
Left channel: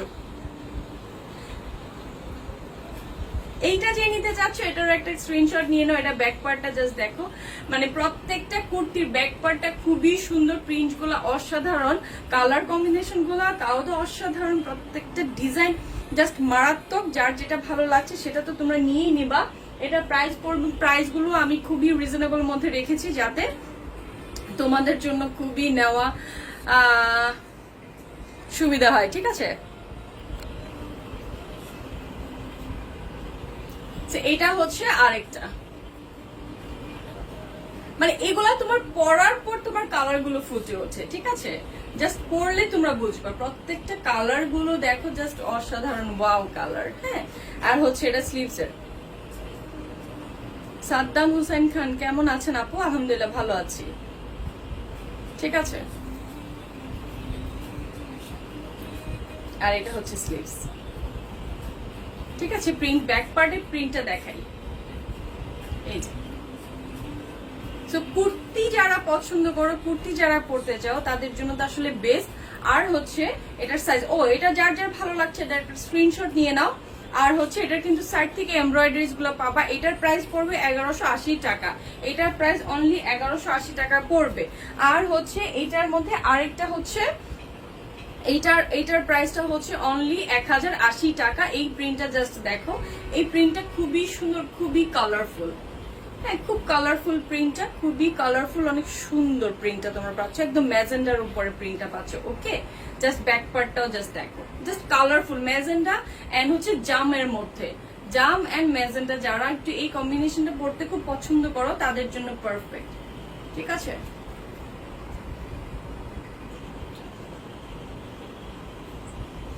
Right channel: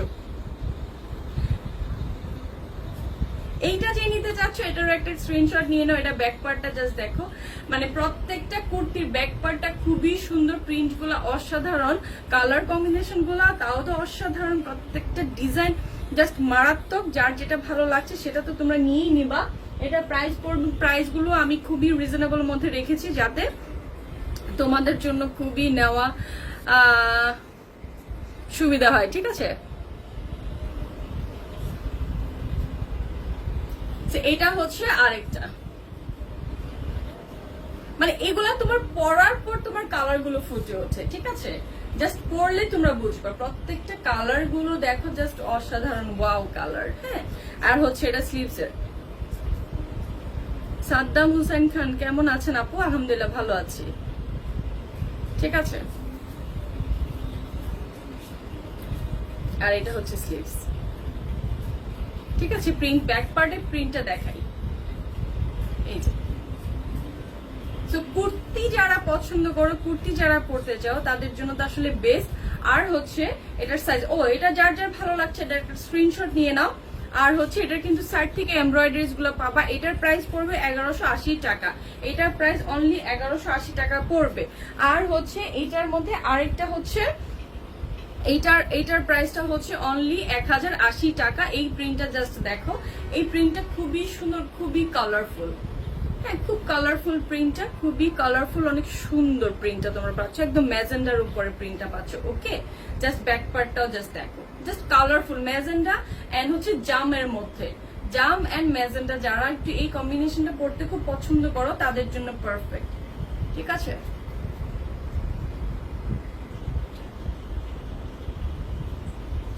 এইটা যে নিতে চাচ্ছ এটারও একটা স্ক্রিনশট নিয়ে নাও। এটা ব্যাক পার্টটা জাস্ট দেখো, মানে প্রত্যেকটা কুর্তির ব্যাক পার্টটা খুবই সুন্দর, প্রিন্ট গুলা অসাধারণ, কালার কম্বিনেশন গুলা তাও তো অসাধারণ, প্রত্যেকটা ডিজাইন জাস্ট মারাত্মক। যার যেটা ভালো লাগছে সেটা তো তোমরা নিয়েই নিবা। এটা প্রাইস গুলো আমি খুবই রিজনেবল মধ্যে রেখেছি যাতে তোমাদের জন্য খুবই নেওয়া সুবিধা হয়, ঠিক আছে। এটা হচ্ছে আরেকটা, মানে এগুলা তোমার পরার পর তোমার কালার গুলো ফুটে ওঠে, ঠিক আছে। জাস্ট পরলে তোমরা বুঝবে, প্রত্যেকটা কালার গুলো দেখো জাস্ট অসাধারণ, ওয়াও কালার, হ্যাঁ। আর হচ্ছে এটা স্লিভস এর। সাদ্দাম হুসাইন খান কেমন আছেন আপু? আলহামদুলিল্লাহ ভালো আছি, ঠিক আছে। আর এটা হচ্ছে স্লিভস, ঠিক আছে। প্রিন্ট ব্যাক পার্টের প্রিন্টটা দেখাই, এই যে। তো কুর্তি যারা পছন্দ করো, কুর্তি যারা পরতে চাও তাদের জন্য তো আসলে বেস্ট। আর হচ্ছে এটার সাইজ, এটা যার যার ভালো লাগছে এটা একটা স্ক্রিনশট নিয়ে নাও। আর হচ্ছে এটার কিন্তু সাইড থেকে এমব্রয়ডারিজ গুলো পাবা। এটার প্রাইস পড়বে 1180 টাকা, এটার প্রাইস অনলি 1180 টাকা পড়বে। আর হচ্ছে এটার মধ্যে আরেকটা হচ্ছে এইটার প্রাইসটা হচ্ছে অনলি 1080 টাকা। এই প্রিন্টটা জাস্ট দেখো, এই প্রিন্টটা খুবই সুন্দর, খুবই কালারফুল, হ্যাঁ খুব কালারফুল প্রিন্টটা, খুবই কালারফুল, অনেক সুন্দর প্রিন্টটা তোমরা পাচ্ছ, একদম ম্যাজেন্ডার উপরে প্রিন্টটা পাচ্ছ। ওকে, জাস্ট ব্যাক পার্টটাও জাস্ট দেখো, জাস্ট কালারফুল ম্যাজেন্ডা এন্ড হচ্ছে জামের মধ্যে, জাম এন্ড ম্যাজেন্ডা যারা একটু এই কম্বিনেশনটা পড়তে খুব পছন্দ করো তাদের জন্য পারফেক্ট, ঠিক আছে।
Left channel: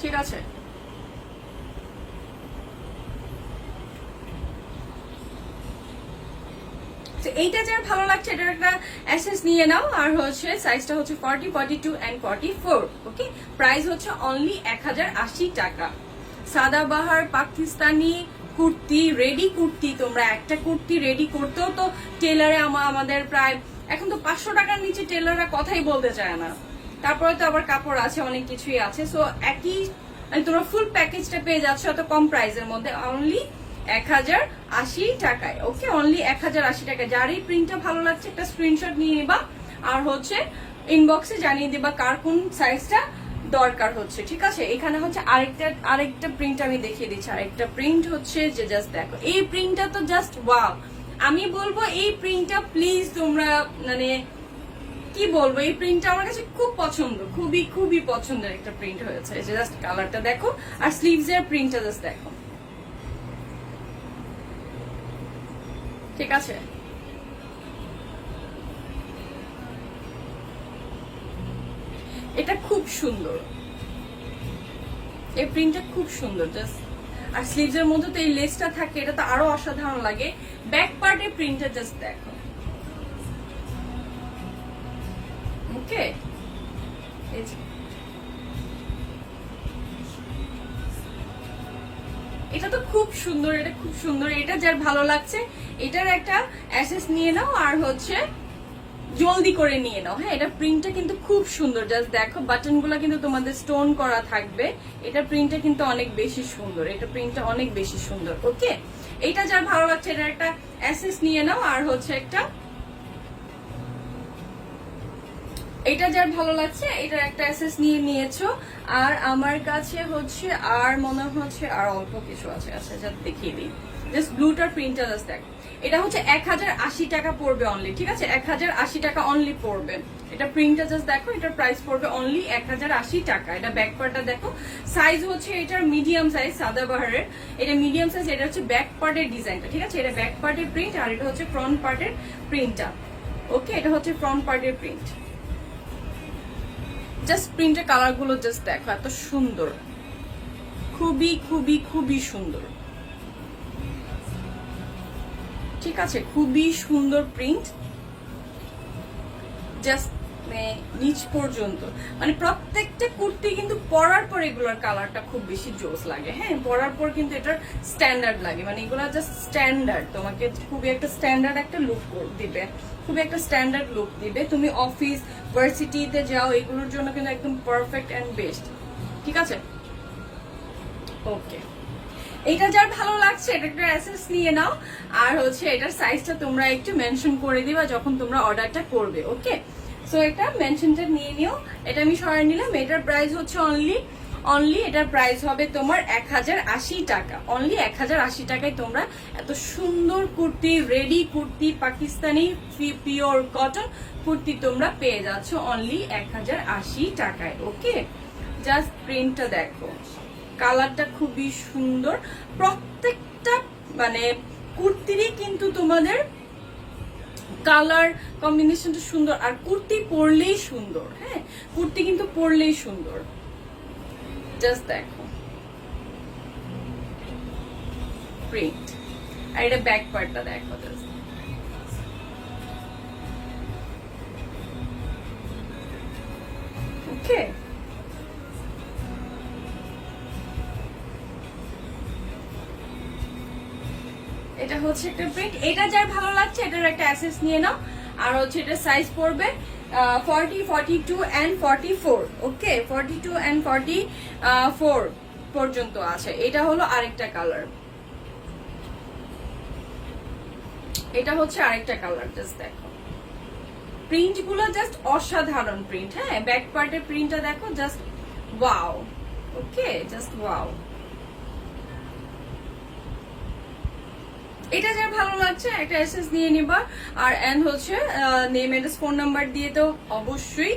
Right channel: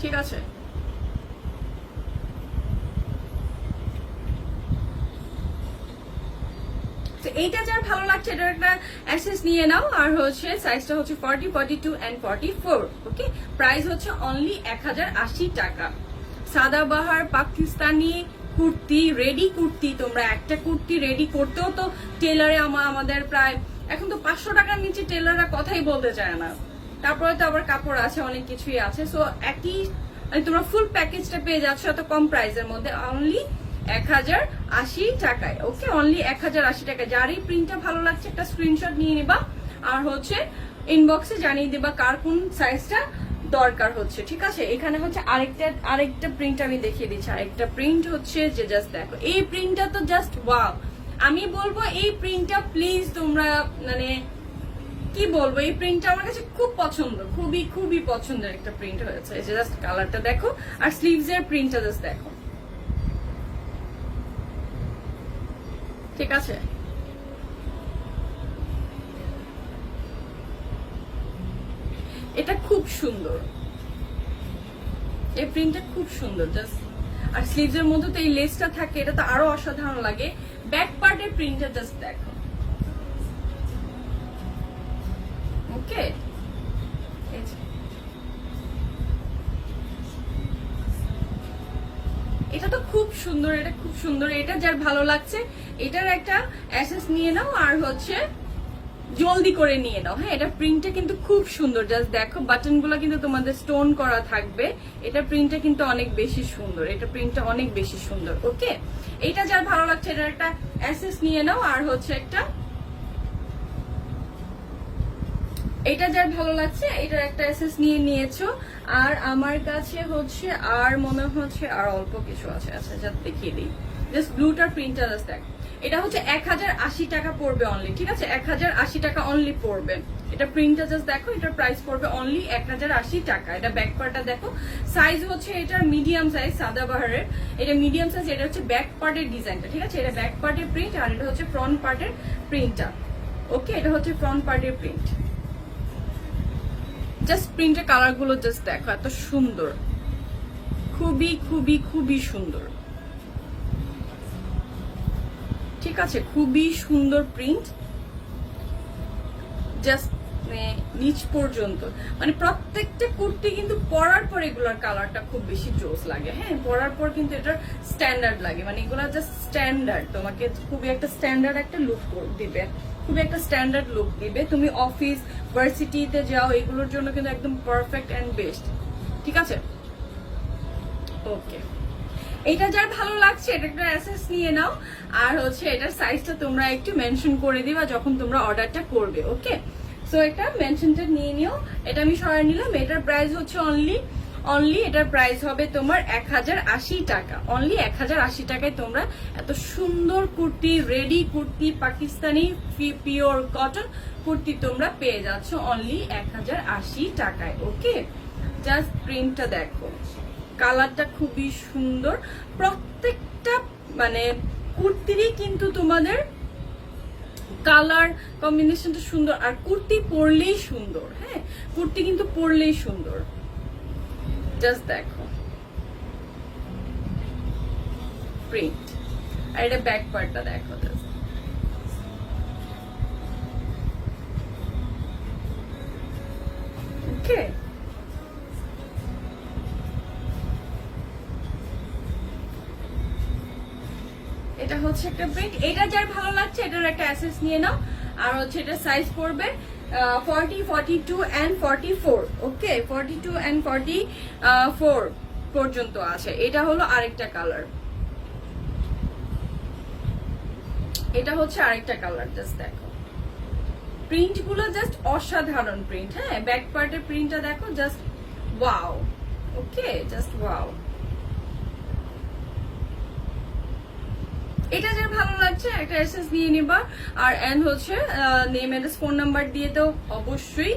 ঠিক আছে, এইটা যার ভালো লাগছে এটার একটা অ্যাসেস নিয়ে নাও। আর হচ্ছে সাইজটা হচ্ছে 40, 42 এন্ড 44। ওকে, প্রাইস হচ্ছে অনলি 1080 টাকা। সাদাবাহার পাকিস্তানি কুর্তি, রেডি কুর্তি, তোমরা একটা কুর্তি রেডি করতেও তো টেলারে আমাদের প্রায় এখন তো 500 টাকার নিচে টেলাররা কথাই বলতে চায় না। তারপরে তো আবার কাপড় আছে, অনেক কিছুই আছে। সো একই তোমরা ফুল প্যাকেজটা পেয়ে যাচ্ছ এত কম প্রাইসের মধ্যে, অনলি 1080 টাকায়। ওকে, অনলি 1080 টাকায়। যার এই প্রিন্টটা ভালো লাগছে একটা স্ক্রিনশট নিয়ে নিবা, আর হচ্ছে ইনবক্সে জানিয়ে দিবা কার কোন সাইজটা দরকার হচ্ছে, ঠিক আছে। এখানে হচ্ছে আরেকটা প্রিন্ট আমি দেখিয়ে দিচ্ছি। আরেকটা প্রিন্ট হচ্ছে যে জাস্ট দেখো, এই প্রিন্টটা তো জাস্ট ওয়াও। আমি বলবো এই প্রিন্টটা প্লিজ তোমরা মানে কি বলবো, এই প্রিন্টটা আমার কাছে খুব পছন্দ, খুবই খুবই পছন্দের একটা প্রিন্ট হয়েছে। এই যে জাস্ট কালারটা দেখো, আর স্লিভস এর প্রিন্টটা জাস্ট দেখো, ঠিক আছে। এটা খুব সুন্দর, এই প্রিন্টটা খুব সুন্দর জাস্ট। আর স্লিভস এর মধ্যে তো এই লেসটা থাকে, এটা তো আরো অসাধারণ লাগে। ব্যাক পার্টের প্রিন্টটা জাস্ট দেখো, ওকে। এটা তো খুব সুন্দর, এটা খুব সুন্দর। এটা যার ভালো লাগছে এটার একটা অ্যাসেস নিয়ে নাও, আর হচ্ছে জলদি করে নিয়ে নাও, হ্যাঁ। এটা প্রিন্টটা কিন্তু খুব সুন্দর, জাস্ট দেখো বাটন গুলা কিন্তু তোমাদের স্টোন করা থাকবে। এটা প্রিন্টটা কিন্তু অনেক বেশি সুন্দর, এটা প্রিন্টটা অনেক বেশি সুন্দর। ওকে, এটা যার ভালো লাগছে এটার একটা অ্যাসেস নিয়ে নাও, আর হচ্ছে এটা যার ভালো লাগছে এটার একটা অ্যাসেস নিয়ে নিয়েছো। আর আমার কাছে হচ্ছে আর মনে হচ্ছে আর অল্প কিছু আছে, আচ্ছা যা দেখিয়ে দিই। জাস্ট ব্লুটার প্রিন্টার জাস্ট দেখ, এটা হচ্ছে 1080 টাকা পড়বে অনলি, ঠিক আছে। 1080 টাকা অনলি পড়বে। এটা প্রিন্টটা জাস্ট দেখো, এটার প্রাইস পড়বে অনলি 1080 টাকা। এটা ব্যাক পার্টটা দেখো, সাইজ হচ্ছে এটার মিডিয়াম সাইজ, সাদাবাহারের এটা মিডিয়াম সাইজ। এটা হচ্ছে ব্যাক পার্টের ডিজাইনটা, ঠিক আছে। এটা ব্যাক পার্টের প্রিন্ট, আর এটা হচ্ছে ফ্রন্ট পার্টের প্রিন্টটা। ওকে, এটা হচ্ছে ফ্রন্ট পার্টের প্রিন্ট। জাস্ট প্রিন্টের কালার গুলো জাস্ট দেখো, এত সুন্দর, খুবই খুবই খুবই সুন্দর। ঠিক আছে, খুবই সুন্দর প্রিন্ট, জাস্ট নিচ পর্যন্ত। মানে প্রত্যেকটা কুর্তি কিন্তু পরার পর এগুলোর কালারটা খুব বেশি জোস লাগে। হ্যাঁ, পরার পর কিন্তু এটার স্ট্যান্ডার্ড লাগে, মানে এগুলো জাস্ট স্ট্যান্ডার্ড, তোমাকে খুবই একটা স্ট্যান্ডার্ড একটা লুক দিবে, খুবই একটা স্ট্যান্ডার্ড লুক দিবে। তুমি অফিস ভার্সিটিতে যাও, এগুলোর জন্য কিন্তু একদম পারফেক্ট এন্ড বেস্ট। ঠিক আছে, ওকে, এটা যার ভালো লাগছে এটা একটা অ্যাসেস নিয়ে নাও। আর হচ্ছে এটার সাইজটা তোমরা একটু মেনশন করে দিবা যখন তোমরা অর্ডারটা করবে। ওকে, সো এটা মেনশনটা নিয়ে নিও। এটা আমি সরাই নিলাম। এটার প্রাইস হচ্ছে অনলি এটার প্রাইস হবে তোমার 1080 টাকা। অনলি 1080 টাকায় তোমরা এত সুন্দর kurti, ready kurti, Pakistani pure cotton kurti তোমরা পেয়ে যাচ্ছ অনলি 1080 টাকায়। ওকে, জাস্ট প্রিন্টটা দেখো, কালারটা খুবই সুন্দর। প্রত্যেকটা মানে কুর্তিরই কিন্তু তোমাদের কালার কম্বিনেশনটা সুন্দর, আর কুর্তি পরলেই সুন্দর। হ্যাঁ, কুর্তি কিন্তু পরলেই সুন্দর। জাস্ট দেখো প্রিন্ট, আর এটা ব্যাক পার্টটা দেখো। ওকে, এটা হচ্ছে একটা প্রিন্ট। এটা যার ভালো লাগছে এটার একটা অ্যাসেস নিয়ে নাও। আর হচ্ছে এটা সাইজ পড়বে 40, 42 and 44। ওকে, 42 and 44 পর্যন্ত আছে। এটা হলো আরেকটা কালার, এটা হচ্ছে আরেকটা কালার। জাস্ট দেখো প্রিন্ট গুলো, জাস্ট অসাধারণ প্রিন্ট। হ্যাঁ, ব্যাক পার্টের প্রিন্টটা দেখো, জাস্ট ওয়াও। ওকে, জাস্ট ওয়াও। এটা যার ভালো লাগছে একটা এসএস নিয়ে নিবা। আর এন্ড হচ্ছে নেম, অ্যাড্রেস, ফোন নাম্বার দিয়ে তো অবশ্যই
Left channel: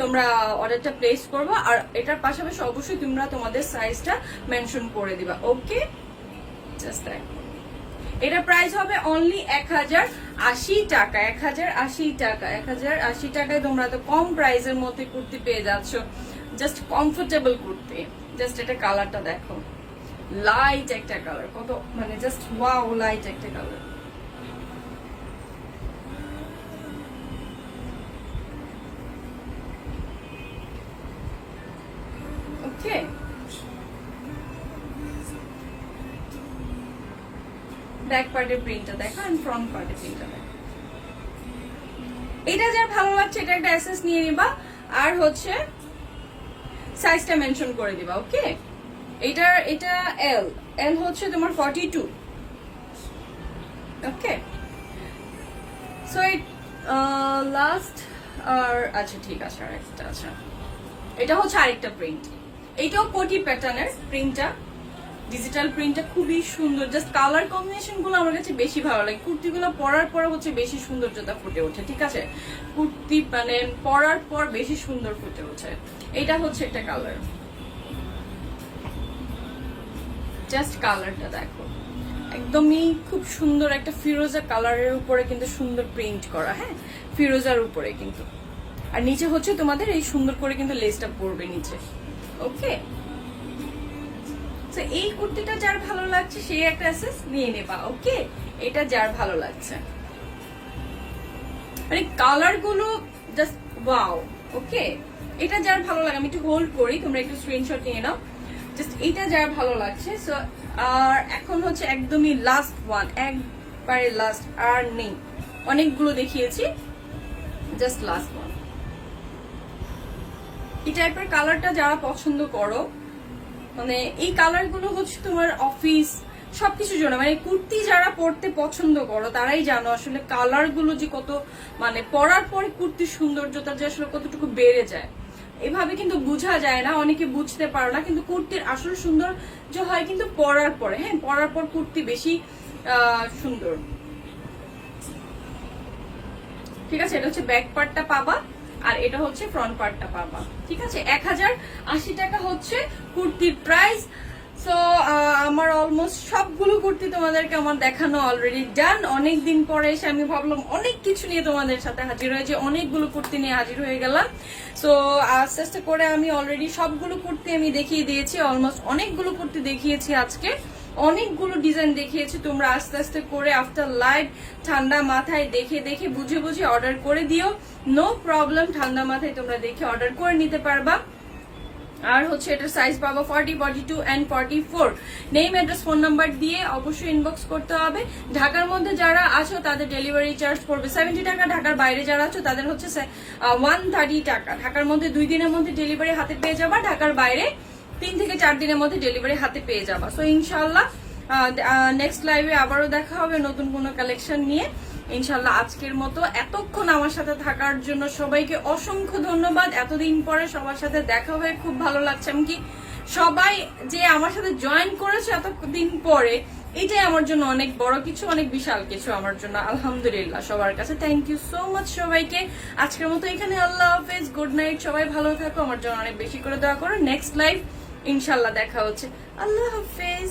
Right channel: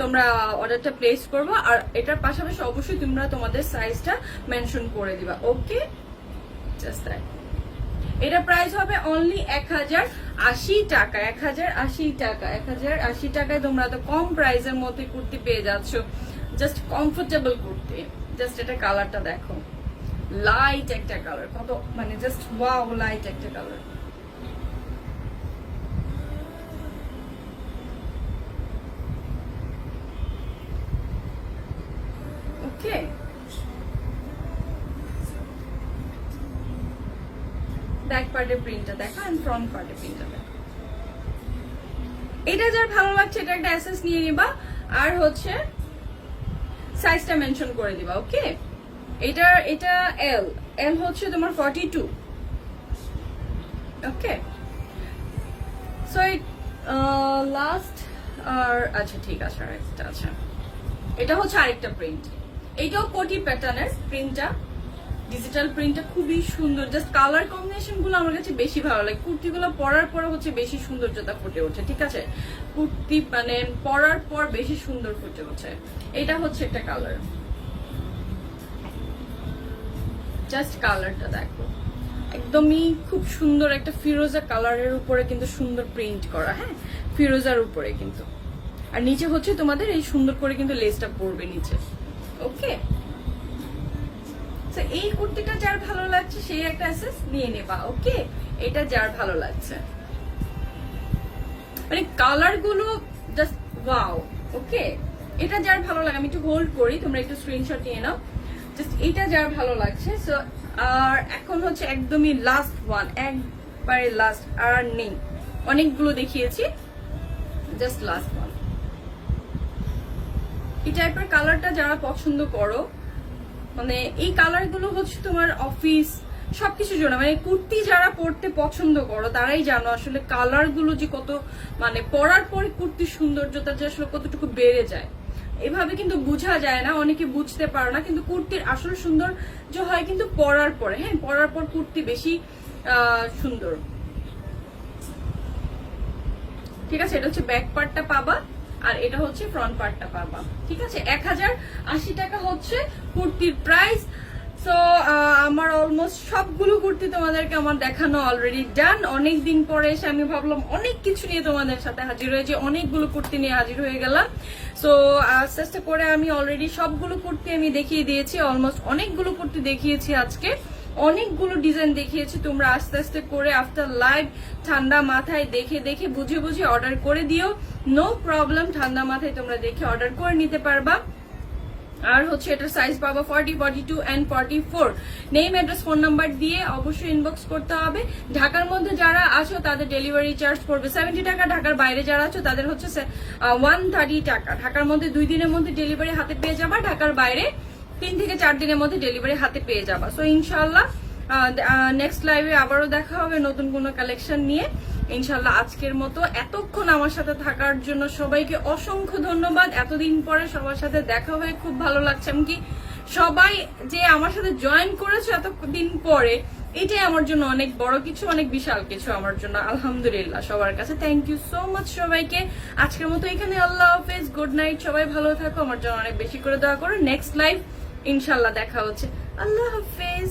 তোমরা অর্ডারটা প্লেস করবা। আর এটার পাশাপাশি অবশ্যই তোমরা তোমাদের সাইজটা মেনশন করে দিবা। ওকে, জাস্ট দ্যাট। এটা প্রাইস হবে অনলি 1080 টাকা। 1080 টাকা, 1080 টাকায় তোমরা তো কম প্রাইসের মধ্যে কুর্তি পেয়ে যাচ্ছ, জাস্ট কমফোর্টেবল কুর্তি। জাস্ট এটা কালারটা দেখো, লাইট একটা কালার, কত মানে জাস্ট ওয়াও, লাইট একটা কালার। ওকে, ব্যাক পার্টের প্রিন্টটা দেখো এন্ড ফ্রন্ট পার্টের প্রিন্টটা দেখো। এটা যার ভালো লাগছে এটা একটা এসএস নিয়ে নিবা। আর হচ্ছে সাইজটা মেনশন করে দিবা। ওকে, এটা এল হচ্ছে তোমার 42। ওকে, সো লাস্ট আর আচ্ছা ঠিক আছে, আরেকটা আচ্ছা, এটা হচ্ছে আরেকটা প্রিন্ট। এটাও কোটি প্যাটার্নের প্রিন্টটা, ডিজিটাল প্রিন্টটা খুবই সুন্দর। জাস্ট কালার কম্বিনেশন গুলো আমার কাছে বেশি ভালো লাগে। কুর্তিগুলো পরার পর হচ্ছে বেশি সৌন্দর্যতা ফুটে ওঠে। ঠিক আছে, কুর্তি মানে পরার পর বেশি সুন্দর ফুটে ওঠে। এটা হচ্ছে একটা কালার, জাস্ট কালারটা দেখো, একদমই খুব সুন্দর একটা ফিরোজা কালারের উপরে কিন্তু সুন্দর প্রিন্ট করা। হ্যাঁ, ফিরোজার উপরে কিন্তু, আর নিচে হচ্ছে তোমাদের এই সুন্দর করে কিন্তু লেসটা পড়বে নিচে। ওকে, তো এই কুর্তিটা যার ভালো লাগছে সেই একটা অ্যাসেস নিয়ে নেবা। ওকে, এটা যার ভালো লাগছে, মানে কালার গুলো জাস্ট ওয়াও। ওকে, এটা যার ভালো লাগে, আমি একটু হোল্ড করি, তোমরা একটু স্ক্রিনশট নিয়ে নাও। জাস্ট এটা যার ভালো লাগছে। সো আর এখন হচ্ছে একদমই লাস্ট ওয়ান, একবারে লাস্ট, আর নেই, অনেকগুলো দেখিয়েছি, জাস্ট লাস্ট ওয়ান। এই টাইপের কালারটা যারা পছন্দ করো, মানে এই কালার গুলো হচ্ছে তোমার অফিস সবকিছুর জন্য, মানে কুর্তি যারা পরতে পছন্দ করো তারাই জানো আসলে কালার গুলো যে কত, মানে পরার পরে কুর্তির সৌন্দর্যতা যে আসলে কতটুকু বেড়ে যায়। এভাবে কিন্তু বোঝা যায় না, অনেকে বুঝতে পারো না, কিন্তু কুর্তির আসল সৌন্দর্য হয় কিন্তু পরার পরে। হ্যাঁ, পরার পর কুর্তি বেশি সুন্দর। ঠিক আছে, এটা হচ্ছে ব্যাক পার্টটা পাবা, আর এটা হচ্ছে ফ্রন্ট পার্টটা পাবা। ঠিক আছে, 1080 টাকা হচ্ছে কুর্তির প্রাইস। সো আমার অলমোস্ট সবগুলো কুর্তি তোমাদেরকে আমার দেখানো অলরেডি ডান। অনেকদিন পরে এসে আমি ভাবলাম অনেক কিছু নিয়ে তোমাদের সাথে হাজির হয়েছি, অনেকগুলো কুর্তি নিয়ে হাজির হয়ে গেলাম। সো আস্তে আস্তে করে আমি অলরেডি সবগুলো কুর্তি আমি দেখিয়ে দিয়েছি, অলমোস্ট অনেকগুলো কুর্তি দেখিয়েছি আজকে, অনেকগুলো ডিজাইন দেখিয়েছি। তোমরা আস্তে আস্তে করে আফটার লাইট ঠান্ডা মাথায় দেখে দেখে বুঝে বুঝে অর্ডার করে দিও, নো প্রবলেম। ঠান্ডা মাথায় তোমরা দেখে অর্ডার করে নিতে পারবা। আর হচ্ছে এটার সাইজ পাবা 40, 42 and 44। Name, address, phone number দিয়ে অবশ্যই ইনবক্স করতে হবে। ঢাকার মধ্যে যারা আছো তাদের ডেলিভারি চার্জ পড়বে 70 টাকা। ঢাকার বাইরে যারা আছো তাদের হচ্ছে 130 টাকা। ঢাকার মধ্যে 2 দিনের মধ্যে ডেলিভারি হাতে পেয়ে যাবা, ঢাকার বাইরে 3 থেকে 4 দিনের মধ্যে ডেলিভারি হাতে পেয়ে যাবা। সো ইনশাল্লাহ নেক্সট লাইভে আবারও দেখা হবে নতুন কোনো কালেকশন নিয়ে ইনশাল্লাহ। আজকের মতো এতক্ষণ আমার সাথে থাকার জন্য সবাইকে অসংখ্য ধন্যবাদ। এতদিন পরে সবার সাথে দেখা হয়ে খুব ভালো লাগছে। এমনকি সবাই যে আমার সাথে জয়েন করেছে এতদিন পরে, এটাই আমার জন্য অনেক বড় কিছু, অনেক বিশাল কিছু আমার জন্য। আলহামদুলিল্লাহ সবার কাছে থ্যাংক ইউ সো মাচ সবাইকে। আজকের মতো এখানে আল্লাহ হাফেজ, গুড নাইট, সবাই ভালো থাকো, আমার জন্য অনেক বেশি করে দোয়া করো। নেক্সট লাইভ ইনশাল্লাহ দেখা হচ্ছে। আল্লাহ হাফেজ।